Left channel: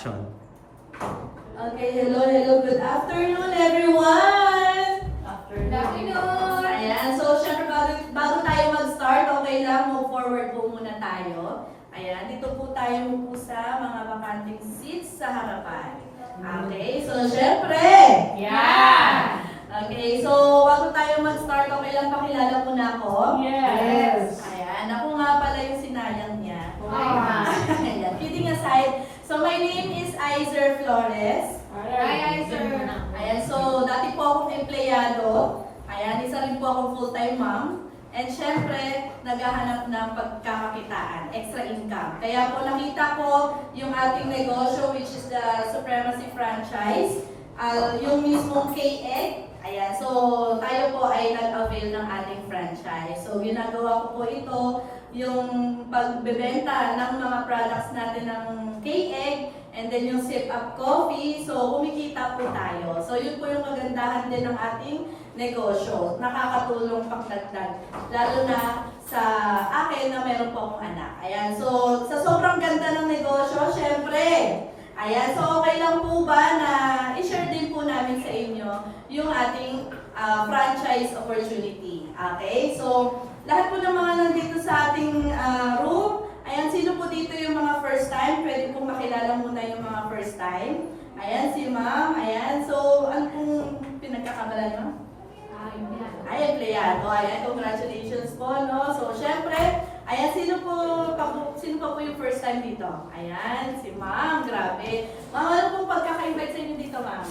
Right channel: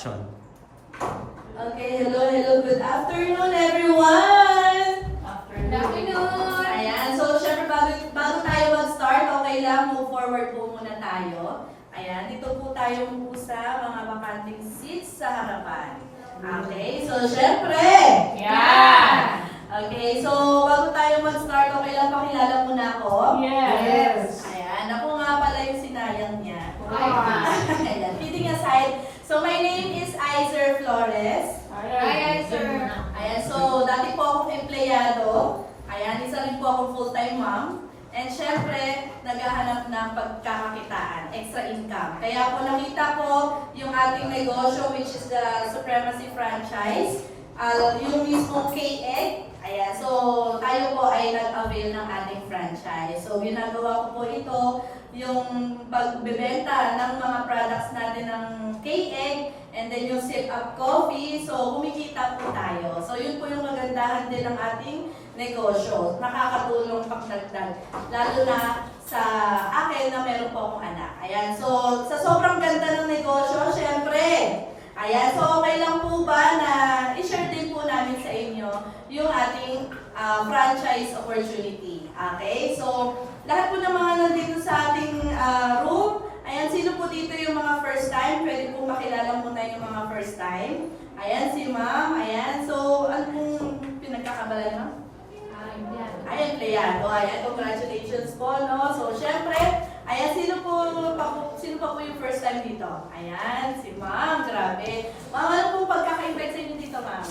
Okay, hello, good afternoon everyone! Good afternoon! Ayan, so syempre bago tayo mag-start, okay lang, move forward po muna tayo. Ayan, dito po tayo po sa mga vacanting seats sa harapan. Okay, so syempre! Yeah! Okay, so bago tayo mag-start, okay lang pakilala muna ako? Yes! Ayan, ako nga pala yung sinayang niya. Ayan, kidding aside, so my name is Izer Flores. Hi, sir! Ayan, so dati po akong empleyado. Ayan, isa rin po akong full-time mom. And syempre, naghahanap ng pagkakakitaan, extra income. Kaya po nakita ko yung ating negosyo, which is the Supremacy Franchise. Yung mismong K-Egg. Ayan, so tayo po ay nag-avail ng ating franchise. So ginagawa ko po ito, yung pagbebenta ng mga products natin ng K-Egg, and then yung Sip Up Coffee, so kumikita po tayo. So yun po yung kagandahan din ng ating negosyo. Nakakatulong pagdagdag, lalo na sa akin na meron po akong anak. Ayan, so sa sobrang ganda ng negosyo, syempre, ayan, so okay lang po ba na i-share din po namin sa inyo yung ating franchise opportunity. Okay, so lahat po ng mga nandito sa ating room, ayan, sino po dito yung mga first time? Pwede po makilala muna yung mga first time. Ayan, si ma'am. Ayan, so ano pong pinagkakabalan nyo? Ay, empleyado. Ayan, congratulations po, no? So, syempre, ayan, sino pa po yung first time dito? Ayan, si ma'am. Grabe. Ma'am, ano pong pagkaka-invite sa inyo dito, ma'am?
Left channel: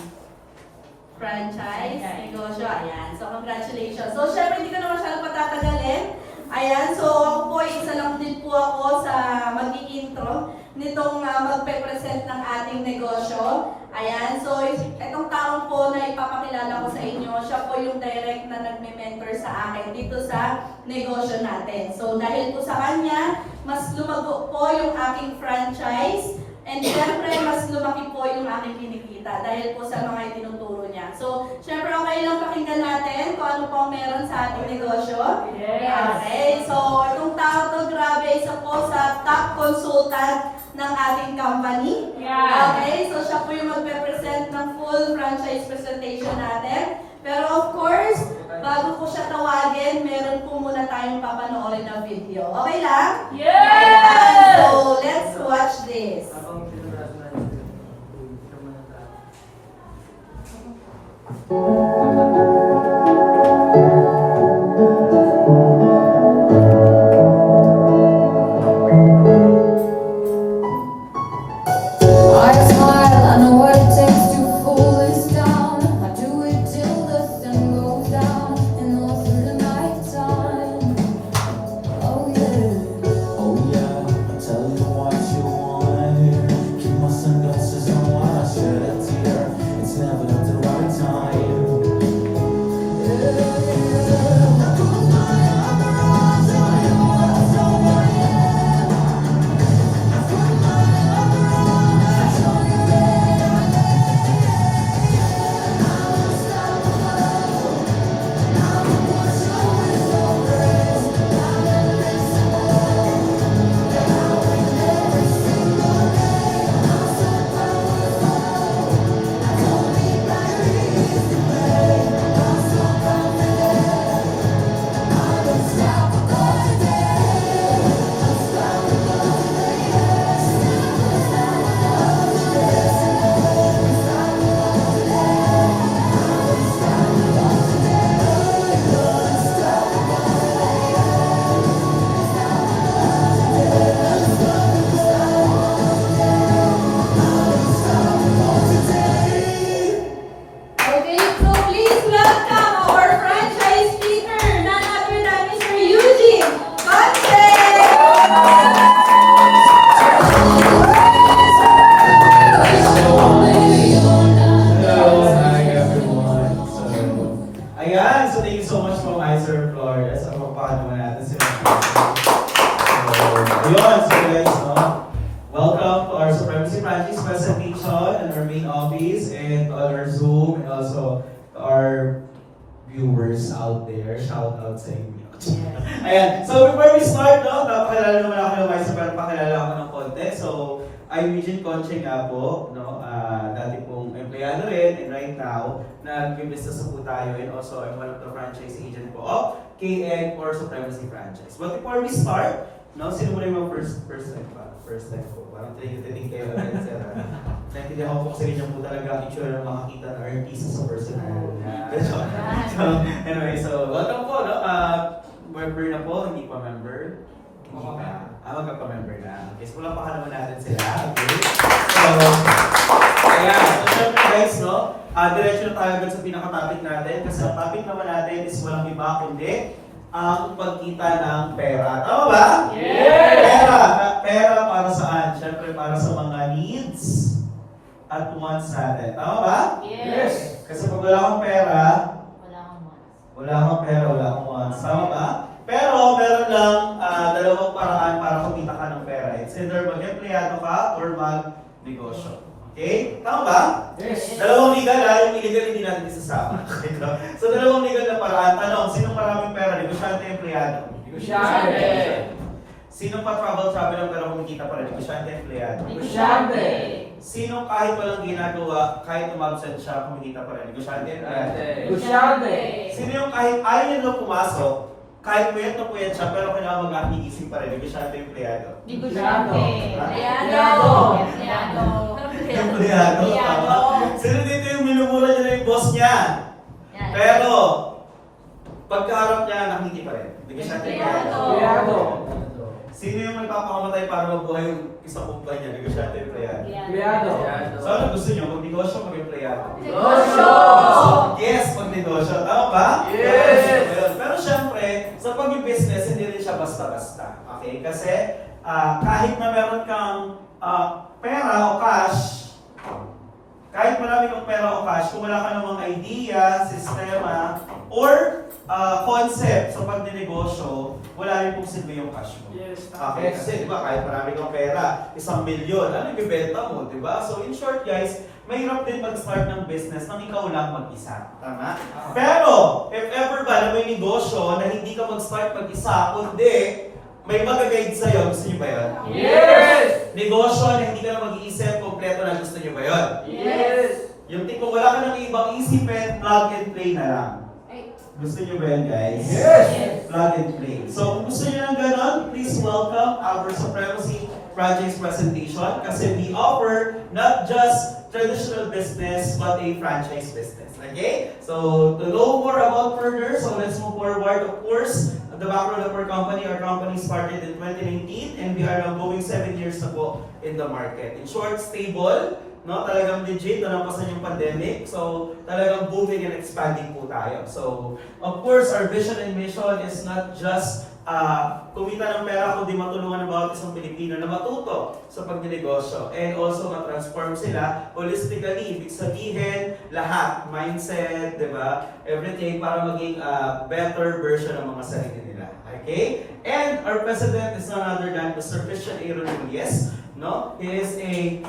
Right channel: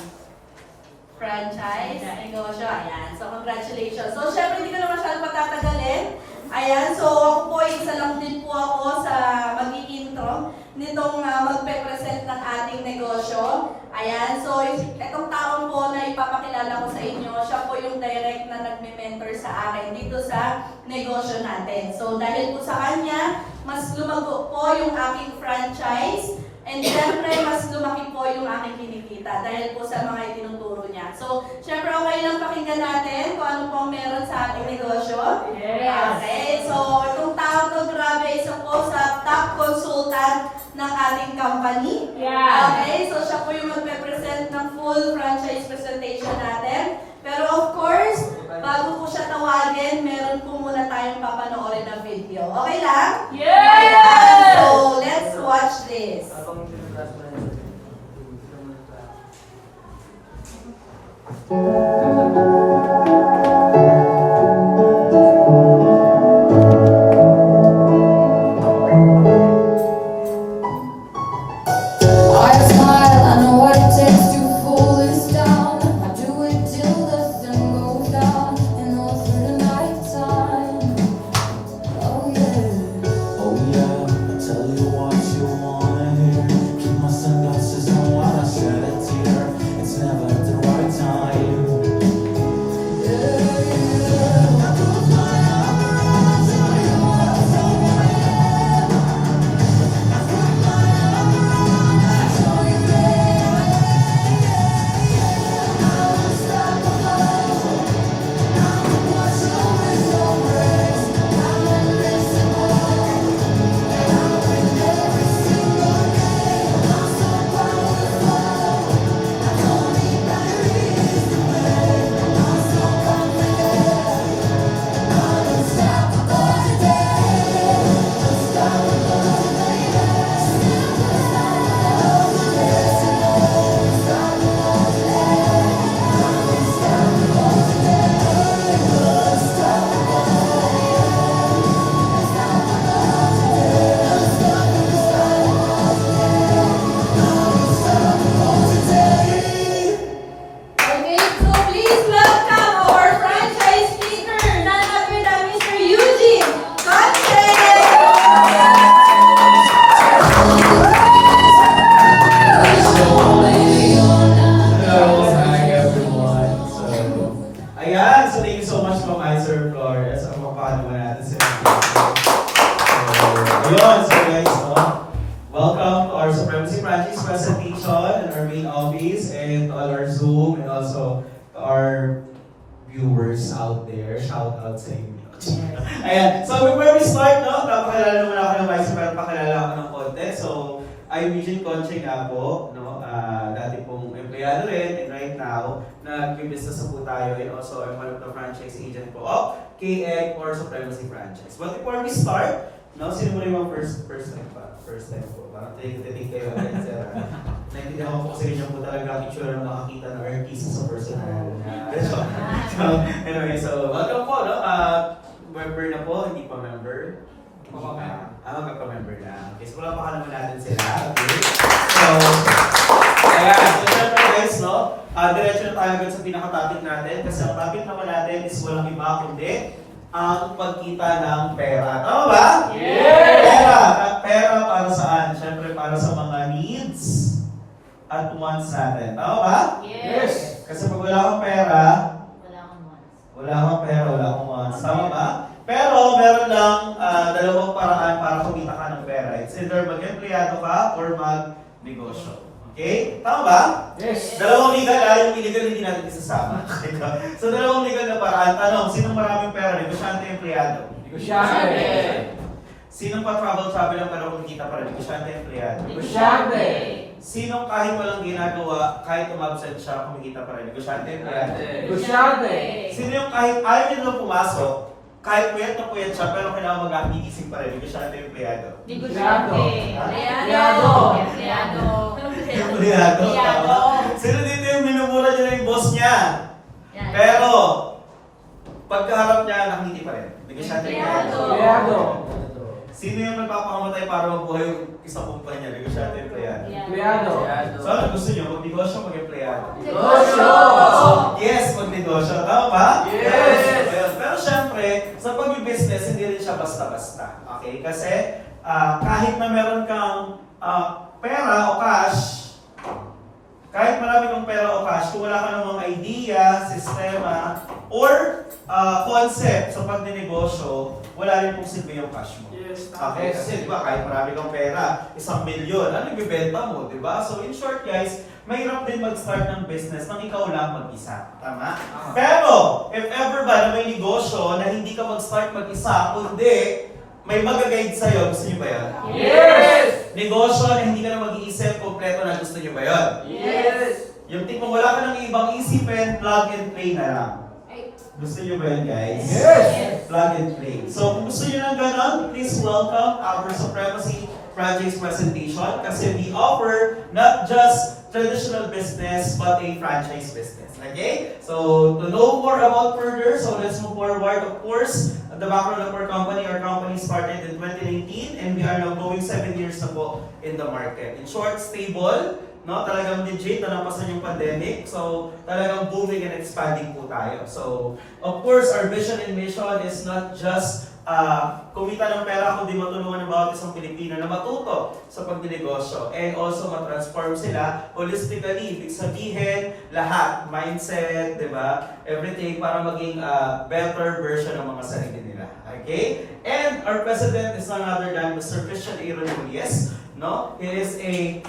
Franchise, negosyo. Ayan, so congratulations. So, syempre, hindi ko na masyadong patatagalin. Ayan, so ako po, isa lang din po ako sa mag-i-intro nitong magpe-present ng ating negosyo. Ayan, so itong taong po na ipapakilala ko sa inyo, siya po yung direct na nagme-mentor sa akin dito sa negosyo natin. So dahil po sa kanya, mas lumago po yung aking franchise. And syempre, mas lumaki po yung aking kinikita dahil po sa mga itinuturo niya. So, syempre, okay lang pakinggan natin kung ano pong meron sa ating negosyo. Yes! Okay, so itong tao to, grabe, isa po sa top consultant ng ating company. Yeah! Okay, so siya po yung magpe-present ng full franchise presentation natin. Pero of course, bago ko siya tawagin, meron po muna tayong papanoorin na video. Okay lang? Yes! Ayan, so let's watch this. I smile, I know what it takes to cool this down. I do it till the sun goes down and all through the night time. Oh yeah. Oh yeah, tell you what you wanna hear. Keep my sunglasses on when I shed a tear. It's never the right time. Okay, so please welcome our franchise speaker, none other than Mr. Eugene Conte! Hello, hi everyone. Ayan, so thank you so much po, Izer Flores. Ang mapapahal naman natin si Ma'am. Ayun, so guys, welcome to our Supremacy Franchise presentation in our main office and all our Zoom and also to our viewers out there. Shout out sa inyo. Ayan, so before we start, no, napakilala naman ako ng Vice, pero pakilala ako ng konti. So, I'm Eugene Conche nga po, no? Dati pong empleyado rin, and right now, nag-business na po tayo, and also I'm one of the franchise agent po of KN or Supremacy Franchise. But before we start, no, sino mo rin yung first time pa? First time po. Parang tinig kayo rin, sir. Naintindihan ko kasi ganyan po talaga ang itsura ng makakita ng artista sa personal. So, anyway, so welcome po, no? Member na po, hindi pa member. Magkaka-member na. Okay, so wala pa naman natin sila. Okay. So, ayan. So, syempre guys, no? Diretso na tayo agad sa pinaka-topic natin. Kasi ang topic naman natin is walang iba kundi ang pagkita ng pera. Tama ba? Yes! Pera para saan? Syempre para sa mga needs at wants natin. Tama ba? Yes! Kasi pag wala kang pera, wala kang wants. Tama ba? Pero meron lang dalawang paraan para kumita ka ng pera. It's either mag-empleyado ka or mag-negosyo. Okay? Tama ba? Yes! Dalawang legal yung illegal hindi natin isasama. So dalawang legal na paraan. Tanong, sinong maraming pera? Negosyante, empleyado? Negosyante! Sinong pa-travel pero kumikita pa rin? Negosyante, empleyado? Negosyante! Sinong kahit walang ginagawa, kahit umabsent siya, kumikita pa rin? Negosyante, empleyado? Negosyante! Sino yung kahit ayaw niya lang pumasok, kahit puyat na puyat siya, pero kailangan mag-aakikising pa rin? Negosyante, empleyado? Negosyante! Empleyado! Empleyado! Empleyado. Sino dito yung minumura niya na yung boss niya? Pero, pagkaharap niya, nakikita pa rin. Negosyante, empleyado? Empleyado! Sino yung nagpapakamatay para mabuhay yung isang kumpanya? Negosyante, empleyado? Empleyado! So ano gusto niyo? Mag-negosyo, mag-empleyado? Negosyo! Yes, mag-negosyo. Tama ba? Yes! Pero syempre, sa pag-business, hindi rin siya basta-basta. Okay? Kasi kahit na meron kang pera o cash, kahit marami kang pera o cash, kung wala ka ng mga idea, sistema, or concept sa pagninegosyo, wala rin pong silbi yung cash mo. Yes. Okay, kasi di ba kahit marami kang pera, 1,000,000, ano ibibenta mo, di ba? So in short guys, mahirap din mag-start ng business nang ikaw lang mag-isa. Tama? Pero, if ever ba na may negosyo na hindi ka mag-start mag-isa, kundi may mag-guide sa'yo, gusto niyo ba yun? Yes! Negosyo na hindi ka na mag-iisip, kompleto na gusto niyo ba yun? Yes! Yung tipong wala ka ng ibang isipin, plug and play na lang. Gusto niyo ba yun, guys? Yes! Plug and play. So, kung gusto niyo ng ganon, please welcome our Supremacy Franchise presentation kasi we offer not just traditional business but a franchise business. Okay? So, to know more about further, so let's move forward. Of course, the background of our company started in 2019 and we are now going 7 years na po in the market. In short, stable, no? Talagang legit na napasan yung pandemic. So, talagang booming and expanding po tayo. So, of course, our vision and mission is not just kumita ng pera, kundi matulungan ng bawat isang Pilipino na matuto sa pagninegosyo and also matransform sila holistically. Ibig sabihin, lahat, mindset, di ba? Everything para maging better version ng mga sarili nila. Okay? And our president is none other than Mr. Christian Aaron Muliez. No? He is a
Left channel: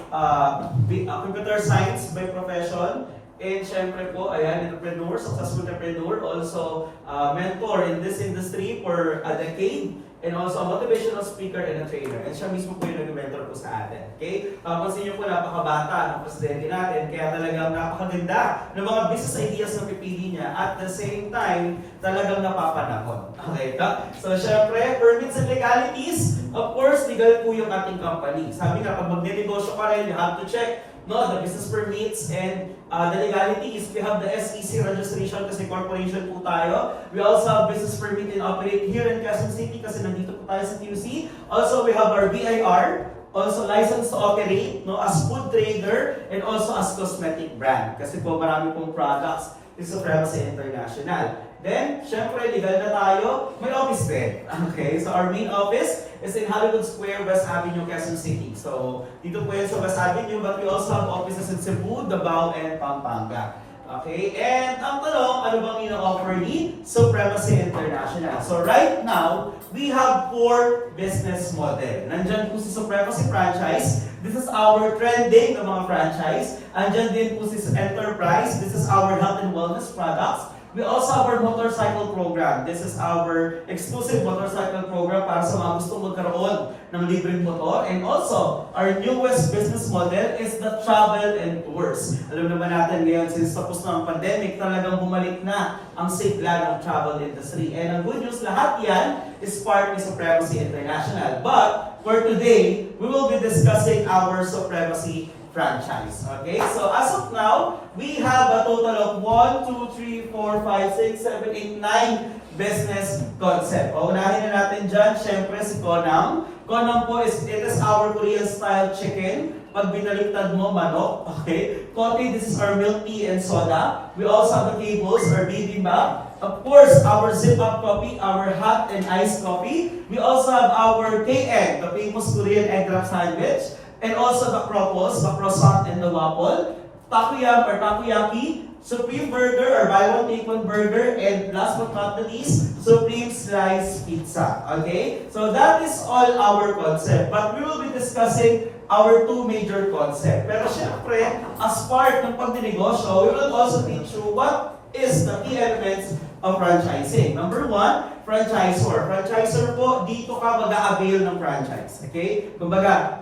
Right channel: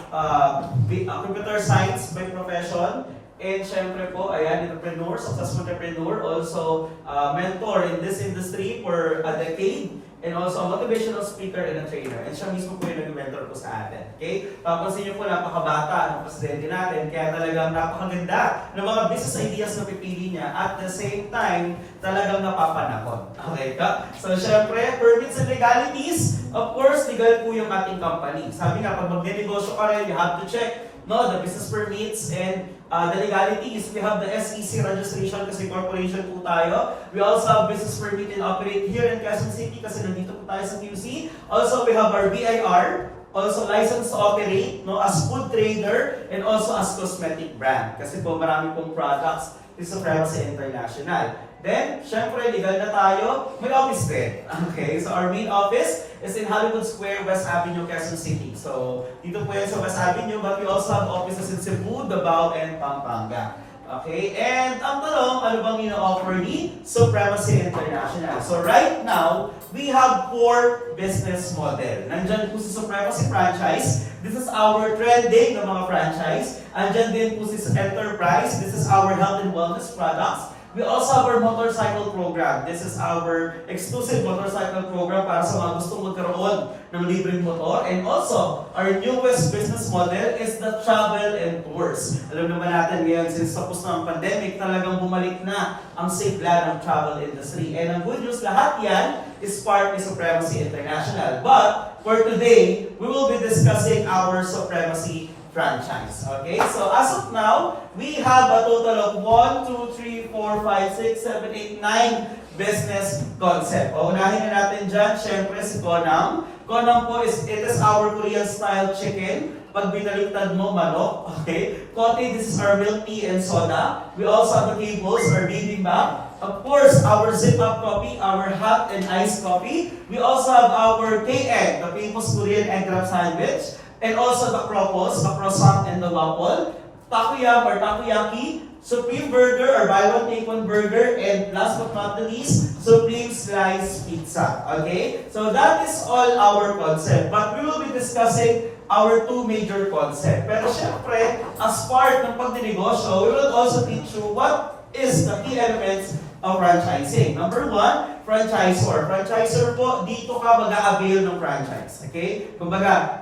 computer science by profession. And syempre po, ayan, entrepreneur, successful entrepreneur, also mentor in this industry for a decade, and also a motivational speaker and a trainer. And siya mismo po yung nag-mentor po sa atin. Okay? Tapos niyo po, napakabata ng presidente natin, kaya talagang napakaganda ng mga business ideas na pipili niya. At the same time, talagang napapanahon. Okay ka? So syempre, permits and legalities, of course, legal po yung ating company. Sabi nga, pag magne-negosyo ka rin, you have to check the business permits and the legalities. We have the SEC registration kasi corporation po tayo. We also have business permit and operate here in Quezon City kasi nandito po tayo sa QC. Also, we have our BIR, also license to operate as food trader and also as cosmetic brand. Kasi po marami pong products is Supremacy International. Then, syempre, legal na tayo, may office din. Okay, so our main office is in Hollywood Square, West Avenue, Quezon City. So, dito po yan sa West Avenue, but we also have offices in Cebu, Davao, and Pampanga. Okay, and ang tanong, ano bang ina-offer ni Supremacy International? So, right now, we have 4 business model. Nandyan po si Supremacy Franchise. This is our trending na mga franchise. Andyan din po si Enterprise. This is our health and wellness products. We also have our motorcycle program. This is our exclusive motorcycle program para sa mga gustong magkaroon ng libreng motor. And also, our newest business model is the travel and tours. Alam naman natin ngayon, since tapos na ang pandemic, talagang bumalik na ang sigla ng travel industry. And ang good news, lahat yan is part ng Supremacy International. But for today, we will be discussing our Supremacy franchise. Okay? So as of now, we have a total of 1, 2, 3, 4, 5, 6, 7, 8, 9 business concept. O, unahin na natin dyan, syempre si Konam. Konam po it is our Korean style chicken. Pag binaliktad mo, manok. Okay? Kote, this is our milk tea and soda. We also have the tables, our bibimbap. Of course, our zip-up coffee, our hot and iced coffee. We also have our KN, the famous Korean egg wrap sandwich. And also the kropos, the croissant and the waffle. Takoyam or takoyaki. Supreme burger or buy one take one burger. And last but not the least, Supreme slice pizza. Okay? So that is all our concept. But we will be discussing our two major concepts. Pero syempre, as part ng pagdinegosyo, we will also teach you what is the key elements of franchising. Number one, franchisor. Franchisor po, dito ka mag-a-avail ng franchise. Okay? Kumbaga,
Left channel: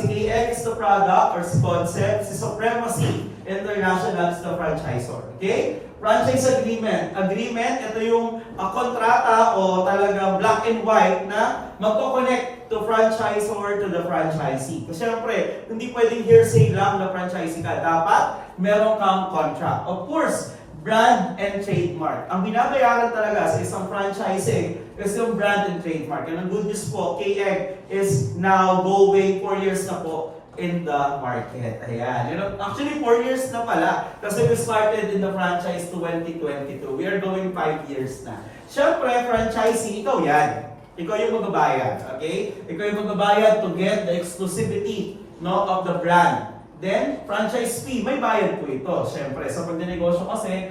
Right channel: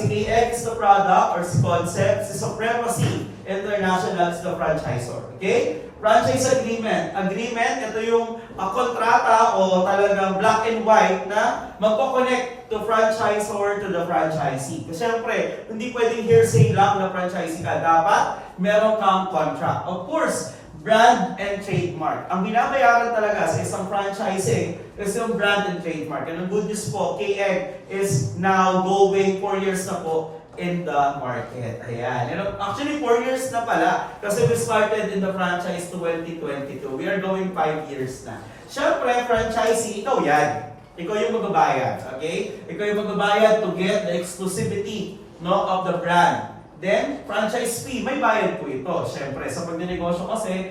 si KX is the product or si concept, si Supremacy International is the franchisor. Okay? Franchise agreement. Agreement, ito yung kontrata o talagang black and white na magko-connect to franchisor to the franchisee. Kasi syempre, hindi pwedeng hearsay lang na franchisee ka. Dapat meron kang contract. Of course, brand and trademark. Ang binabayaran talaga sa isang franchising is yung brand and trademark. And ang good news po, KX is now going 4 years na po in the market. Ayan. Actually, 4 years na pala. Kasi we started in the franchise 2022. We are going 5 years na. Siyempre, franchisee, ikaw yan. Ikaw yung magbabayad. Okay? Ikaw yung magbabayad to get the exclusivity of the brand. Then, franchise fee, may bayad po ito. Siyempre, sa pagdinegosyo kasi,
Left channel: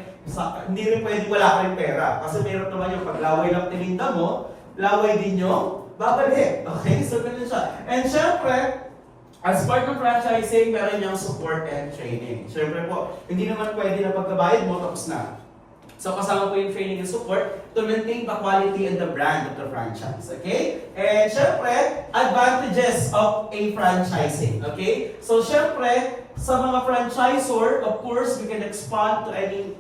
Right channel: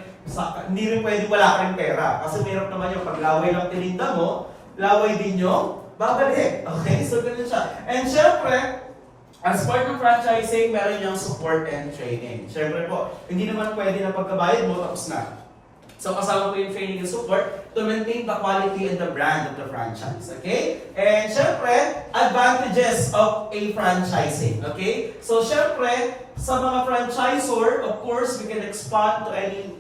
hindi rin pwede wala ka rin pera. Kasi meron naman yung paglaway ng tininda mo, laway din yung babalik. Okay? So, ganun siya. And siyempre, as part ng franchising, meron yung support and training. Siyempre po, hindi naman pwede na pagkabayad mo, tapos na. So, kasama po yung training and support to maintain the quality and the brand of the franchise. Okay? And syempre, advantages of a franchising. Okay? So, syempre, sa mga franchisor, of course, we can expand to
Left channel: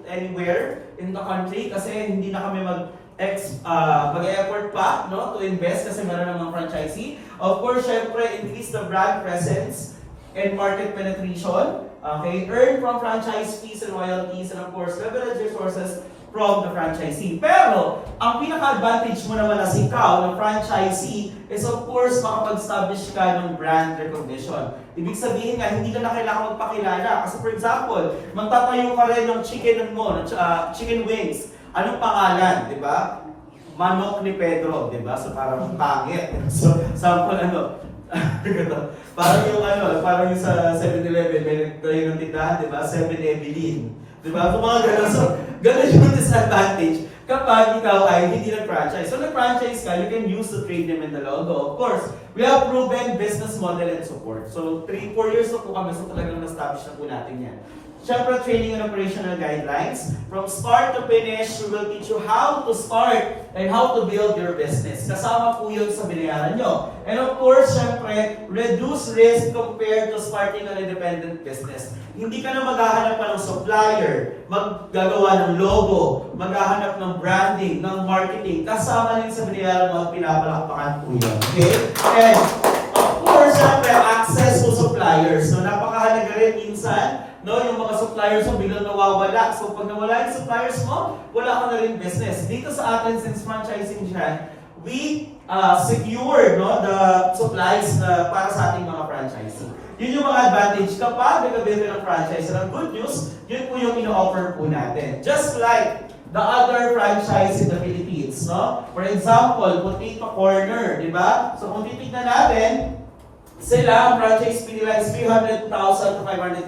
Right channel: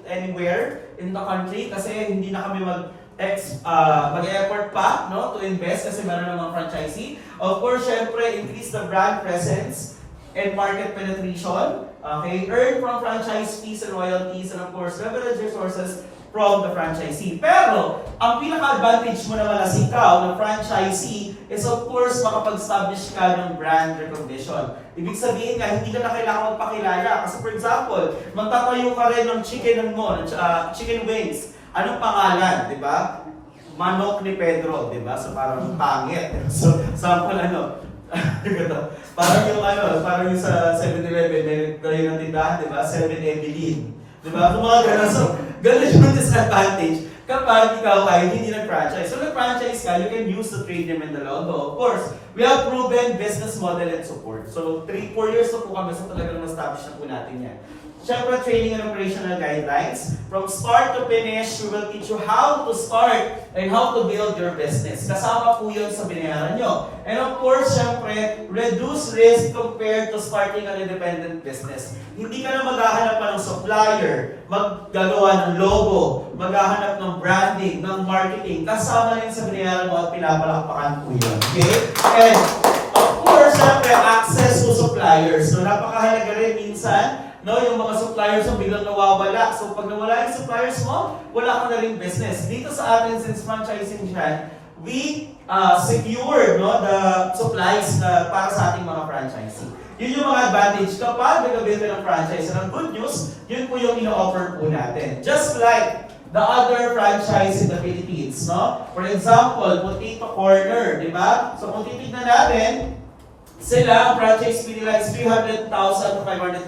anywhere in the country kasi hindi na kami mag-effort pa to invest kasi meron ng mga franchisee. Of course, syempre, increase the brand presence and market penetration. Okay? Earn from franchise fees and royalties and of course, leverage resources from the franchisee. Pero, ang pinaka-advantage mo naman as ikaw, ng franchisee, is of course, makapag-establish ka ng brand recognition. Ibig sabihin nga, hindi ka na kailangan magpakilala. Kasi for example, magtatayo ka rin ng chicken mo, ng chicken wings. Anong pangalan, di ba? Manok ni Pedro, di ba? So parang pangit. So, sample parang yung sa 7-Eleven, may kayo ng tindahan, di ba? 7-Evelyn. Di ba? Kung mga gano'n. So, gano'n yung disadvantage kapag ikaw ay hindi nag-franchise. So, nag-franchise ka, you can use the trade name and the logo. Of course, we have proven business model and support. So, 3-4 years na po kami sa talagang na-establish na po natin yan. Siyempre, training and operational guidelines. From start to finish, we will teach you how to start and how to build your business. Kasama po yun sa binayaran nyo. And of course, siyempre, reduce risk compared to starting an independent business. Hindi ka na maghahanap pa ng supplier, maggagawa ng logo, maghahanap ng branding, ng marketing. Kasama rin sa binayaran mo at pinapalakpakan po yun. Okay? And of course, siyempre, access to suppliers. So, napakahalaga rin minsan, yung mga suppliers mo biglang nawawala. So, pag nawala yung suppliers mo, wala ka na rin business. Dito sa atin, since franchising siya, we secure the supplies para sa ating mga franchisee. Yun yung mga advantage kapag nag-avail ng franchise. And ang good news, yun po yung ino-offer po natin. Just like the other franchise in the Philippines. For example, Potato Corner, di ba? So, kung titignan natin, sila, ang franchise fee nila is 300,000 to 500,000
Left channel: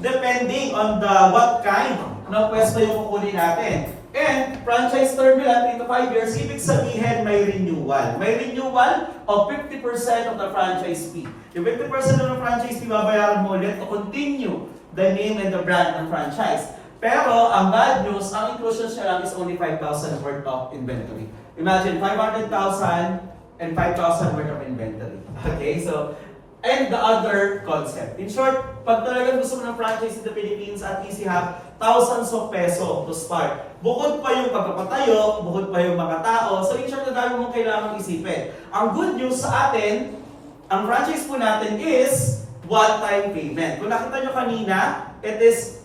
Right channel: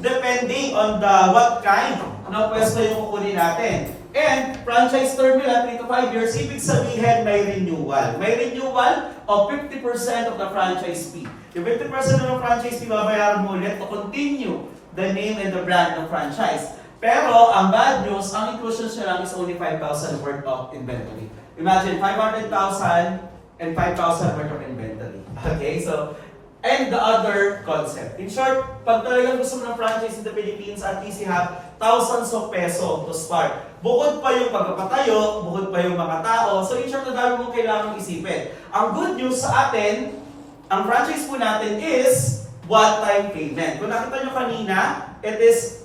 depending on what kind ng pwesto yung kukunin natin. And franchise term nila 3 to 5 years, ibig sabihin may renewal. May renewal of 50% of the franchise fee. Yung 50% of the franchise fee, babayaran mo ulit to continue the name and the brand ng franchise. Pero, ang bad news, ang inclusion siya lang is only 5,000 worth of inventory. Imagine, 500,000 and 5,000 worth of inventory. Okay, so, and the other concept. In short, pag talagang gusto mo ng franchise in the Philippines, at least you have thousands of peso to start. Bukod pa yung pagpapatayo, bukod pa yung mga tao. So in short, ang dami mong kailangan isipin. Ang good news sa atin, ang franchise po natin is one-time payment. Kung nakita nyo kanina, it is,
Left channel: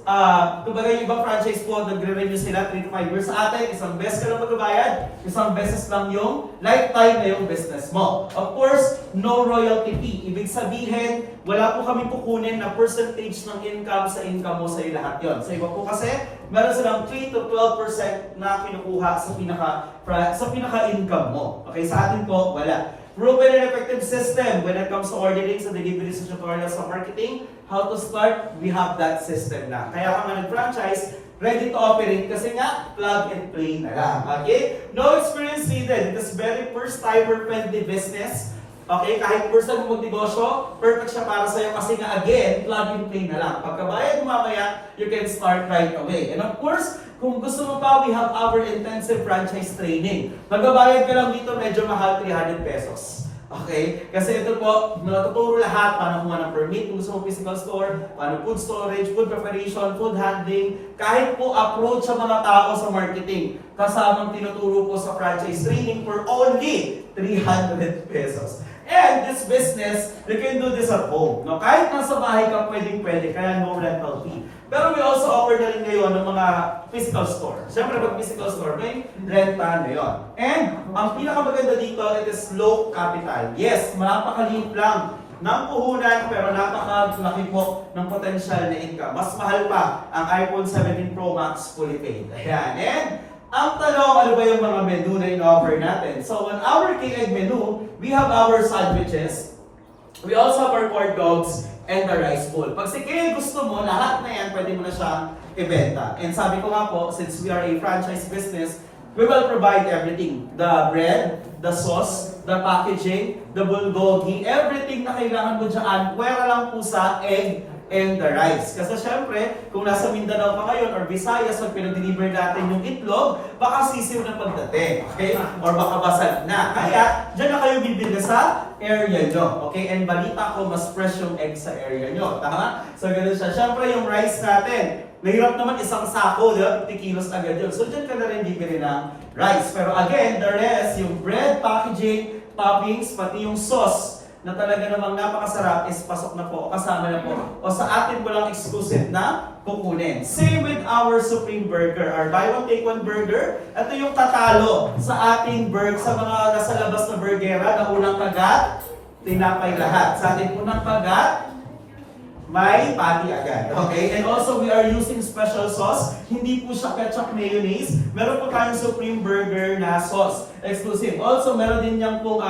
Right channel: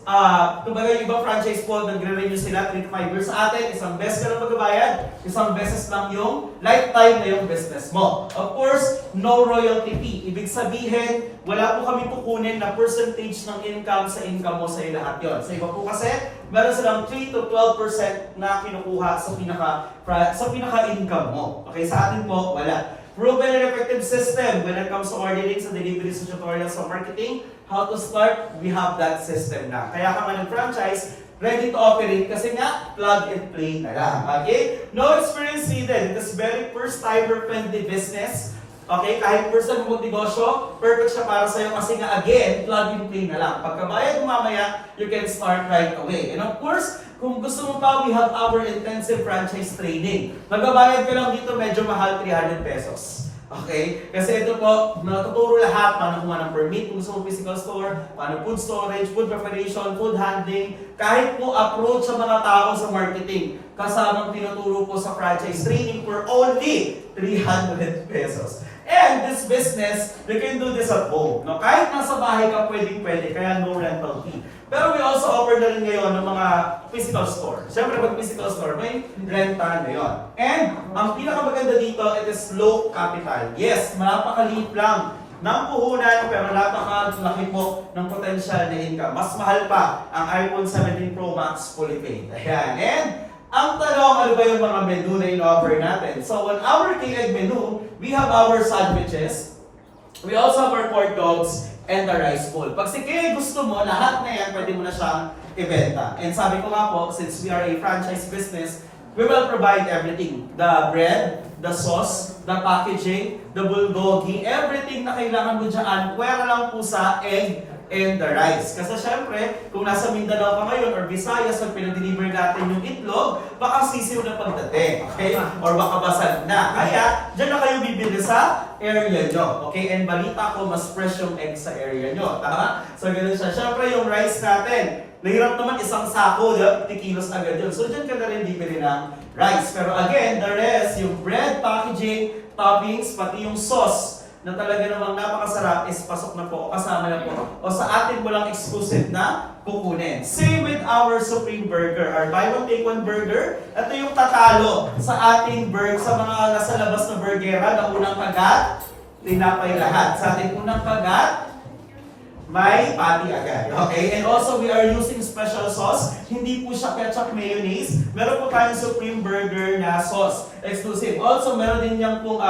kumbaga yung ibang franchise po, nagre-renew sila 3 to 5 years. Sa atin, isang beses ka lang magbabayad, isang beses lang yung lifetime na yung business mo. Of course, no royalty fee. Ibig sabihin, wala po kami kukunin na percentage ng income sa income mo sa lahat yon. Sa iba po kasi, meron silang 3 to 12% na kinukuha sa pinaka-income mo. Okay, sa atin po, wala. Proven and effective system when it comes to ordering sa deliveries sa tutorials sa marketing. How to start, we have that system na. Kaya ka nga nag-franchise, ready to operate kasi nga, plug and play na lang. Okay? No experience needed. It is very first-timer friendly business. Okay? Kahit first time mo magnegosyo, perfect siya para sa'yo kasi nga again, plug and play na lang. Pagkabayad mo mamaya, you can start right away. And of course, kung gusto mo pa, we have our intensive franchise training. Magbabayad ka lang dito, medyo mahal, 300 pesos. Okay? Kasi ito po, natuturo lahat, paano kumuha ng permit, kung gusto mo physical store, paano food storage, food preparation, food handling, kahit po approach sa mga tao sa marketing. Kasamang tinuturo po sa franchise training for only 300 pesos. And this business, you can do this at home. No? Kahit nasa bahay ka, pwedeng-pwede, kaya no rental fee. Pero we also offer na rin ngayon ng mga physical store. Siyempre, pag physical store, may renta na yun. And ang pinakamaganda dito, it is low capital. Yes, napakaliit lang ng puhunan, pero napakalaki po ng potential na income. Mas mahal pa ang iPhone 17 Pro Max fully paid. Ayan. And ang tanong, ano ba yung mga menu na in-offer natin? So, on our K-Egg menu, we have our sandwiches. We also have our corn dogs and the rice bowl. Pag si K gusto mo, lahat na yan, pwede mo na siyang ibenta. And sabi ko nga po, since we are a franchise business, we will provide everything. The bread, the sauce, the packaging, the bulgogi, everything na kailangan mo dyan, pwera lang po sa egg and the rice. Kasi syempre, kung nasa Mindanao ka ngayon or Visayas, pag pinag-deliver natin yung itlog, baka sisiw na pagdating. Okay? Or baka basag na. Kaya, dyan na kayo bibili sa area nyo. Okay? And balita ko, mas fresh yung egg sa area nyo. Tama? So, ganun siya. Syempre, yung rice natin, mahirap naman isang sako, 50 kilos agad yun. So, dyan ka na rin bibili ng rice. Pero again, the rest, yung bread, packaging, toppings, pati yung sauce, na talaga namang napakasarap is pasok na po, kasama na po. O sa atin mo lang exclusive na kukunin. Same with our Supreme Burger, our buy one take one burger. Ito yung tatalo sa ating sa mga nasa labas na burgera na unang kagat, tinapay lahat. Sa ating unang kagat, may patty agad. Okay? And also, we are using special sauce. Hindi po siya ketchup mayonnaise. Meron po tayong Supreme Burger na sauce. Exclusive. Also, meron din niyang pong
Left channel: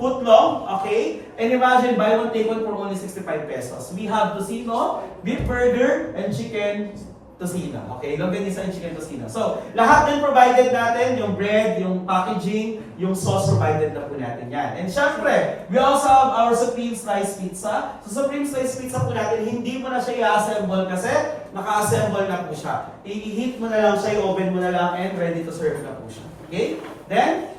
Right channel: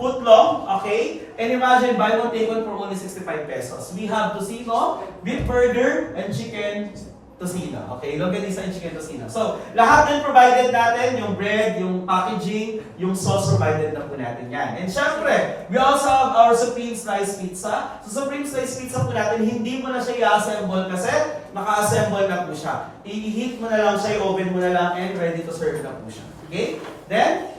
footlong. Okay? And imagine, buy one, take one for only 65 pesos. We have tocino, beef burger, and chicken tocino. Okay? Longganisa and chicken tocino. So, lahat din provided natin. Yung bread, yung packaging, yung sauce provided na po natin yan. And syempre, we also have our Supreme Slice Pizza. So, Supreme Slice Pizza po natin, hindi mo na siya i-assemble kasi naka-assemble na po siya. I-heat mo na lang siya, i-oven mo na lang, and ready to serve na po siya. Okay? Then,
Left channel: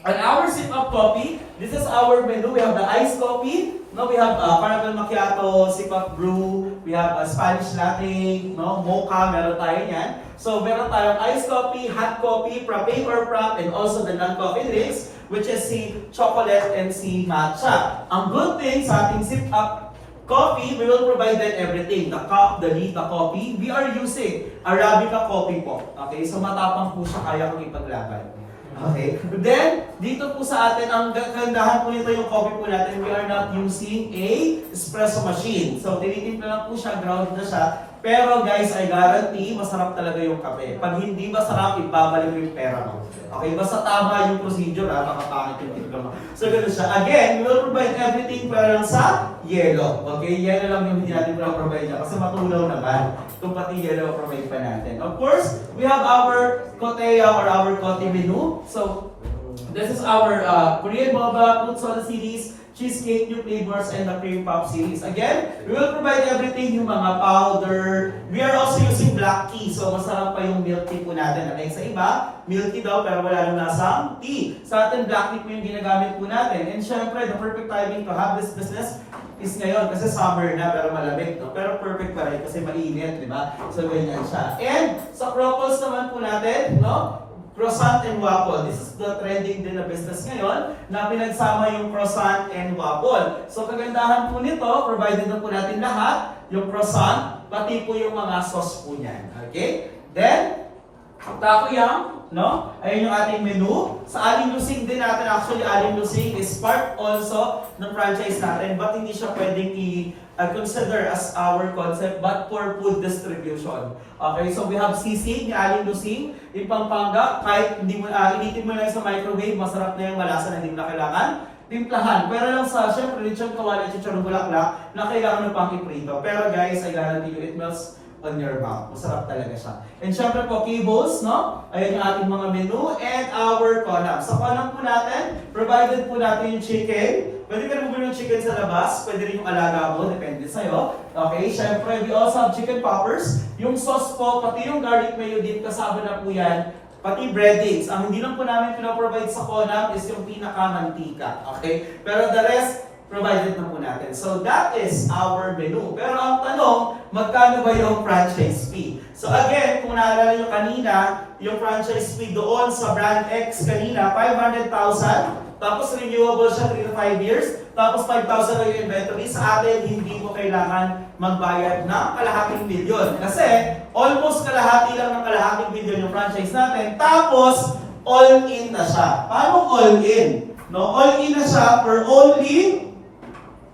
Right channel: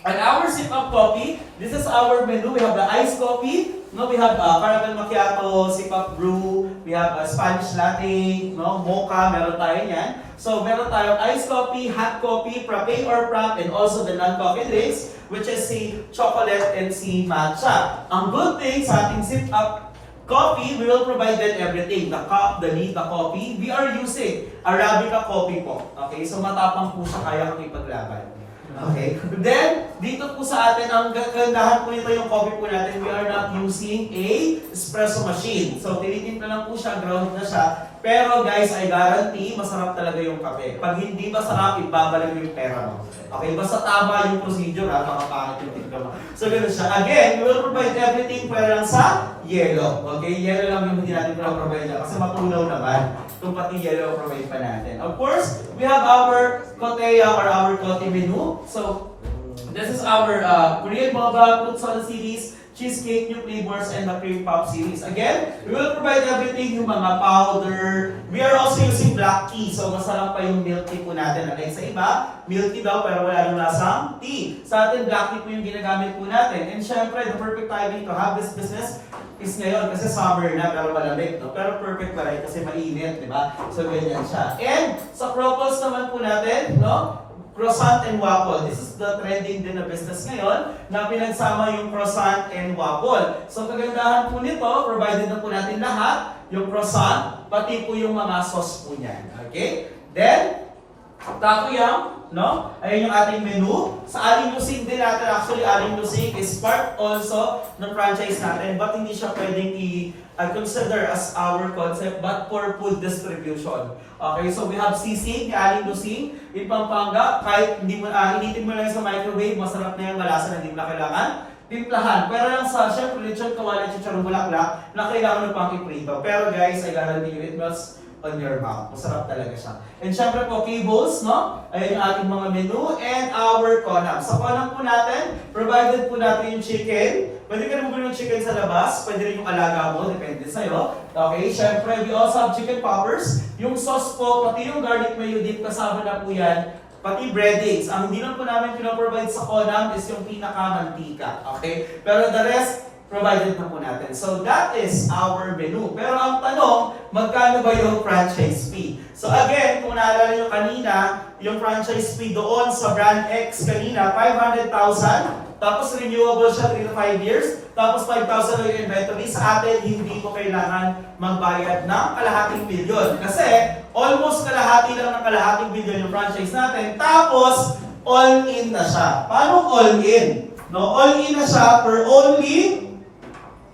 on our sip of coffee, this is our menu. We have the iced coffee. No, we have caramel macchiato, sip of brew. We have Spanish latte, no, mocha, meron tayo yan. So, meron tayong iced coffee, hot coffee, frappe or frap, and also the non-coffee drinks, which is si chocolate and si matcha. Ang good thing sa ating sip up coffee, we will provide them everything. The cup, the lead, the coffee. We are using Arabica coffee po. Okay, so matapang po siya, kaya kang ipaglaban. Okay. Then, dito po sa atin, ang kagandahan po nito yung coffee po natin, we are not using a espresso machine. So, tinitimpla lang po siya, ground na siya. Pero guys, I guarantee, masarap talaga yung kape. Pag hindi masarap, ibabalik mo yung pera mo. Okay, basta tama yung procedure, makapangit yung timpla mo. So, gano'n siya. Again, we will provide everything para lang sa yellow. Okay, yellow lang yung hindi natin provide na kasi matunaw naman. Kung pati yellow provide pa natin. Of course, we have our koteya or our kote menu. So, this is our Korean boba, fruit soda series, cheesecake, new flavors, and the cream pop series. Again, we will provide everything, yung mga powder. We are also using black tea. So, masarap pa yung milk tea po natin. Like sa iba, milk tea daw pero wala nang lasang tea. Sa atin, black tea po yung ginagamit po natin. And syempre, the perfect timing to have this business is ngayon kasi summer na pero malamig, no? Pero perfect pa rin kasi mainit, di ba? So, ganyan siya. And sa Crocos naman po natin, no? Croissant and waffle. This is the trending din na business ngayon na pinagsama yung croissant and waffle. So kagandahan po nito, provided na po natin lahat, yung croissant, pati po yung mga sauce po niyan. Okay? Then, Takoyam, no? Ayun yung ating menu. Sa Aling Lusing din natin, actually Aling Lusing is part also ng franchise natin, but hindi siya pwedeng i-consider as our concept, but for food distribution. Okay, so we have sisig ni Aling Lusing in Pampanga. Kahit hindi mo, initin mo lang sa microwave, masarap na yung malasa na hindi mo na kailangan timplahan. Pero lang sa, syempre, lechon kawali, chicharong bulaklak, na kailangan mo pang iprito. Pero guys, I guarantee you, it melts on your mouth. Masarap talaga siya. And syempre po, cables, no? Ayan yung ating mga menu and our conam. Sa conam po natin, provided po natin yung chicken. Pwede ka rin bumili yung chicken sa labas. Pwede rin yung alaga mo. Depende sa'yo. Okay, syempre, we also have chicken poppers. Yung sauce po, pati yung garlic mayo dip, kasama na po yan. Pati breadings. Ang hindi lang po namin pinoprovide sa conam is yung pinakamantika. Okay? Pero the rest, provided na po natin. So that is our menu. Pero ang tanong, magkano ba yung franchise fee? So again, kung naalala nyo kanina, yung franchise fee doon sa brand X kanina, 500,000. Tapos renewable siya 3 to 5 years. Tapos 5,000 na yung inventory. Sa atin, hindi mo kailangan magbayad ng kalahating bilyon. Kasi almost kalahati lang ng kalahating bilyon yung franchise natin. Tapos all-in na siya. Paano all-in? No, all-in na siya for only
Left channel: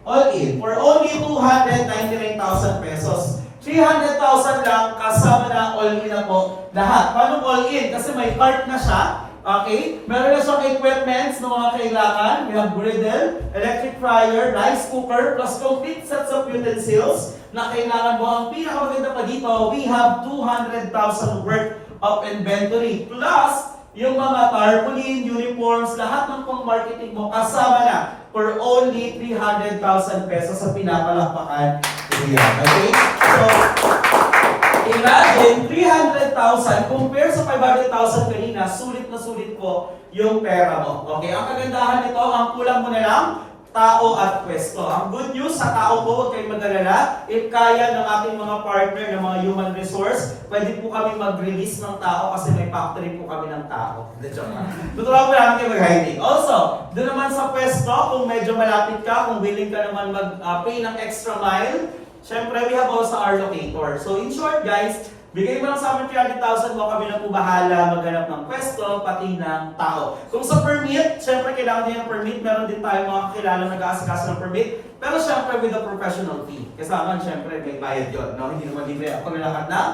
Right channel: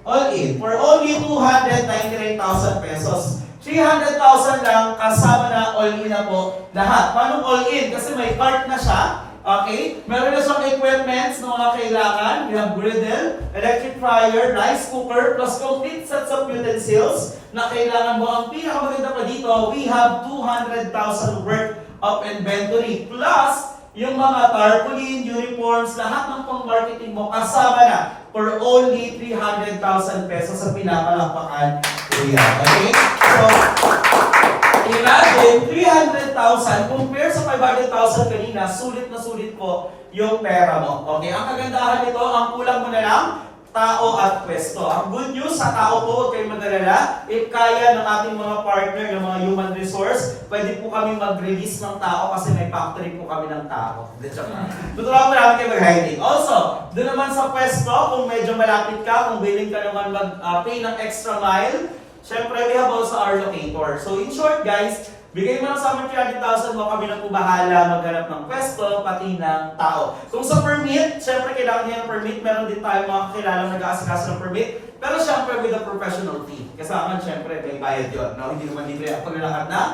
299,000 pesos. 300,000 lang kasama na all-in na po lahat. Paano all-in? Kasi may cart na siya. Okay? Meron na siyang equipments na mga kailangan. We have griddle, electric fryer, rice cooker, plus complete sets of utensils na kailangan mo. Ang pinakamaganda pa dito, we have 200,000 worth of inventory. Plus, yung mga tarpaulin, uniforms, lahat ng pang-marketing mo kasama na for only 300,000 pesos sa pinapalakpakan area. Okay? So, imagine, 300,000 compare sa 500,000 kanina, sulit na sulit po yung pera mo. Okay? Ang kagandahan nito, ang kulang mo na lang, tao at pwesto. Ang good news sa tao po, huwag kayong mag-alala. If kaya ng ating mga partner, ng mga human resource, pwede po kami mag-release ng tao kasi may factory po kami ng tao. Tuturuan po namin kayo mag-hiring. Also, doon naman sa pwesto, kung medyo malapit ka, kung willing ka naman mag-pay ng extra mile, syempre, we have also our locator. So in short guys, bigay mo lang sa amin 300,000 mo, kami na po bahala maghanap ng pwesto, pati ng tao. Kung sa permit, syempre kailangan niya ng permit, meron din tayo mga kakilalang nag-aasikaso ng permit, pero syempre with a professional fee. Kasama syempre may bayad yun, no? Hindi naman libre ako na lahat ng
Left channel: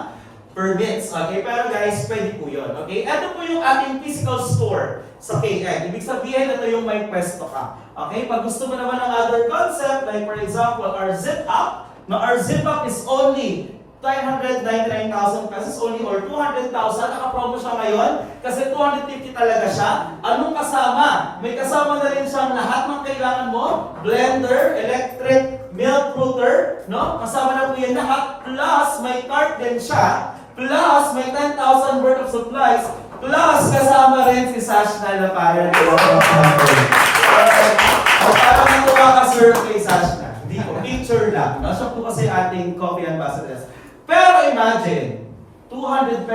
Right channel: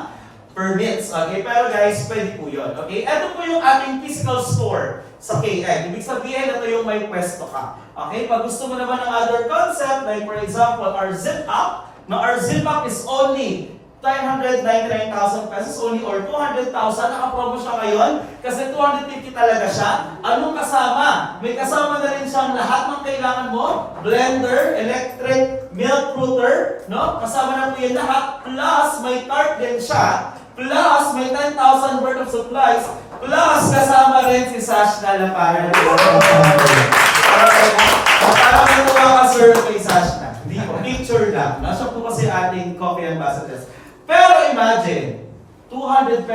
permits. Okay, pero guys, pwede po yun. Okay, ito po yung ating physical store sa KM. Ibig sabihin, ito yung may pwesto ka. Okay, pag gusto mo naman ng other concept, like for example, our Zip Up. Now, our Zip Up is only 999,000 pesos only or 200,000. Naka-promo siya ngayon kasi 250 talaga siya. Anong kasama? May kasama na rin siyang lahat ng kailangan mo. Blender, electric, milk frother, no? Kasama na po yan lahat. Plus, may cart din siya. Plus, may 10,000 worth of supplies. Plus, kasama rin si Sash na para parang natuwa ka sir kay Sash na. Hindi po, picture lang. Siya po kasi ating coffee ambassadors. Pero imagine, 200,000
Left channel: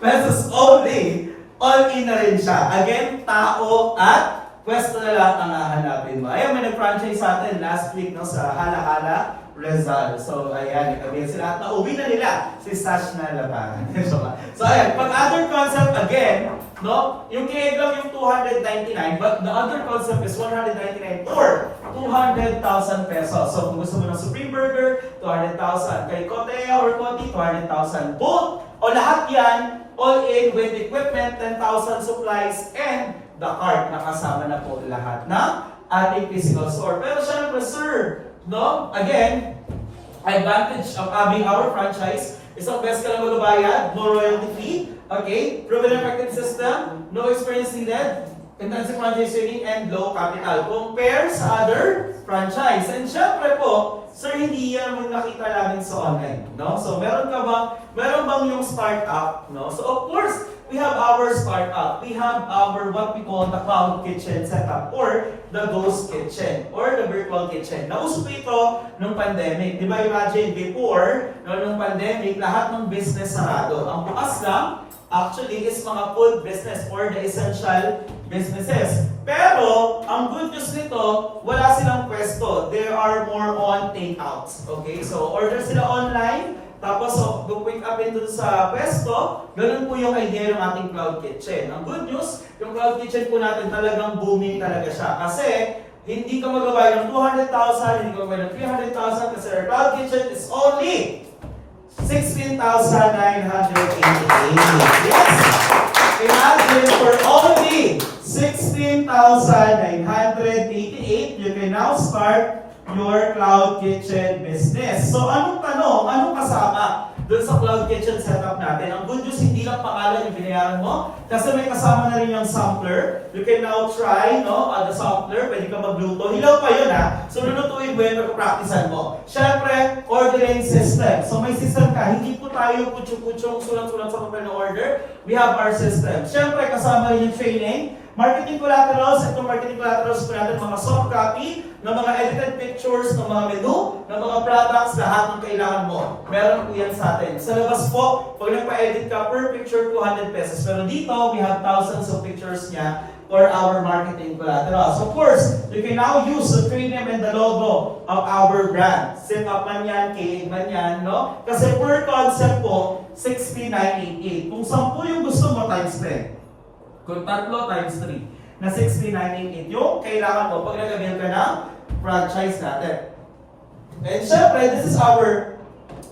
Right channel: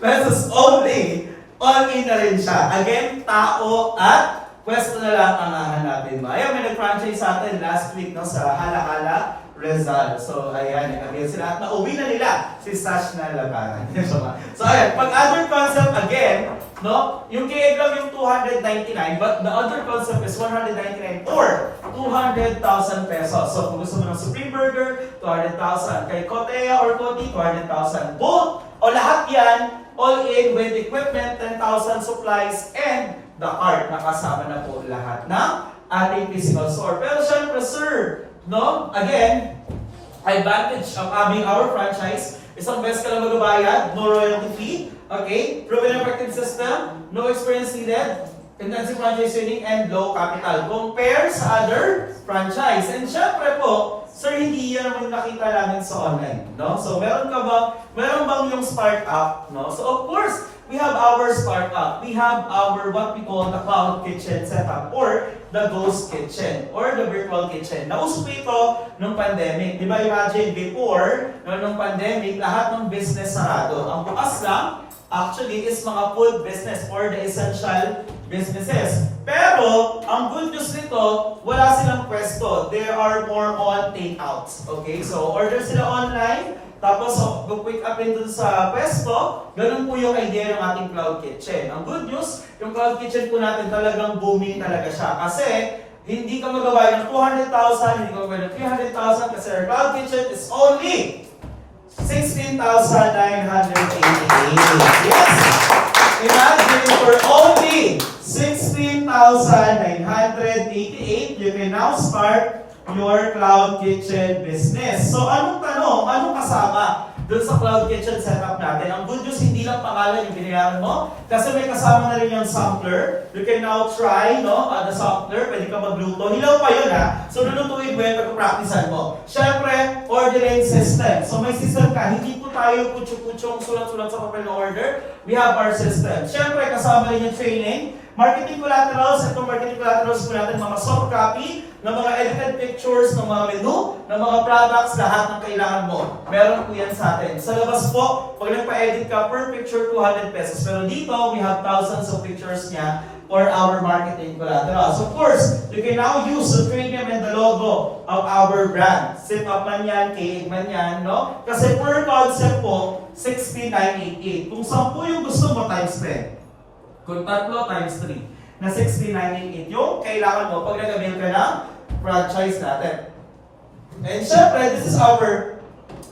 pesos only, all-in na rin siya. Again, tao at pwesto na lang ang hahanapin mo. Ayan, may nag-franchise sa atin last week no, sa Hala-Hala, Rizal. So, ayan, nagkabit sila at nauwi na nila si Sash na Labanan. So, ayan, pag other concept, again, no, yung KEG lang yung 299, but the other concept is 199 or 200,000 pesos. So, kung gusto mo ng Supreme Burger, 200,000. Kay Kotea or Koti, 200,000. Both, o lahat yan, all in with equipment, 10,000 supplies, and the cart. Nakasama na po lahat ng ating physical store. Pero syempre, sir, no, again, advantage of having our franchise, isang best ka lang magbabayad, no royalty fee, okay, proven effective system, no experience needed, intensive franchising and low capital compare sa other franchise. And syempre po, sir, hindi yan yung nakita namin sa online, no? So meron bang yung startup, no? So of course, we have our startup. We have our what we call the cloud kitchen setup or the ghost kitchen or the virtual kitchen. Nauso po ito nung pandemic. Di ba imagine before, no, nung pandemic, lahat ng business sarado. Ang bukas lang, actually, is mga food business or the essential businesses. Pero, ang good news nito, wala silang pwesto. They are more on takeouts. Okay? So, order sila online, tapos pick up dun sa pwesto, ganun po yung idea ng ating cloud kitchen. Ang good news, yung cloud kitchen po natin talagang booming talaga siya. Kasi, hindi ka magawa ng 200,000, hindi ka magawa ng 300,000 kasi our cloud kitchen is only 16,988. Yes! Imagine for only 16,988, you can now start your cloud kitchen business. So anong tanong? Anong kasama dun sa cloud kitchen setup natin? Ang good news, hindi lang pangalan yung binayaran mo kasi may kasama na rin yung sampler. You can now try the sampler. Pwede ka magluto. Hilaw pa yun ha. So lulutuin mo yun, pagpapracticean mo. Siyempre, ordering system. So may system ka. Hindi po tayo kutsyong-kutsyong sulat-sulat sa papel na order. We have our system. Siyempre, kasama rin yung training. Marketing collaterals, itong marketing collaterals po natin, mga soft copy, ng mga edited pictures, ng mga menu, ng mga products, lahat ng kailangan mo. Meron po yan sa atin. Sa labas po, pag nagpa-edit ka per picture, 200 pesos. Pero dito, we have thousands of pictures niya for our marketing collaterals. Of course, you can now use the premium and the logo of our brand. Sip up man yan, KA man yan, no? Kasi per concept po, 6988. Kung 10 yung gusto mo, times 10. Kung 3 times 3 na 6988 yung kailangan mo pag nag-avail ka ng franchise natin. And syempre, this is our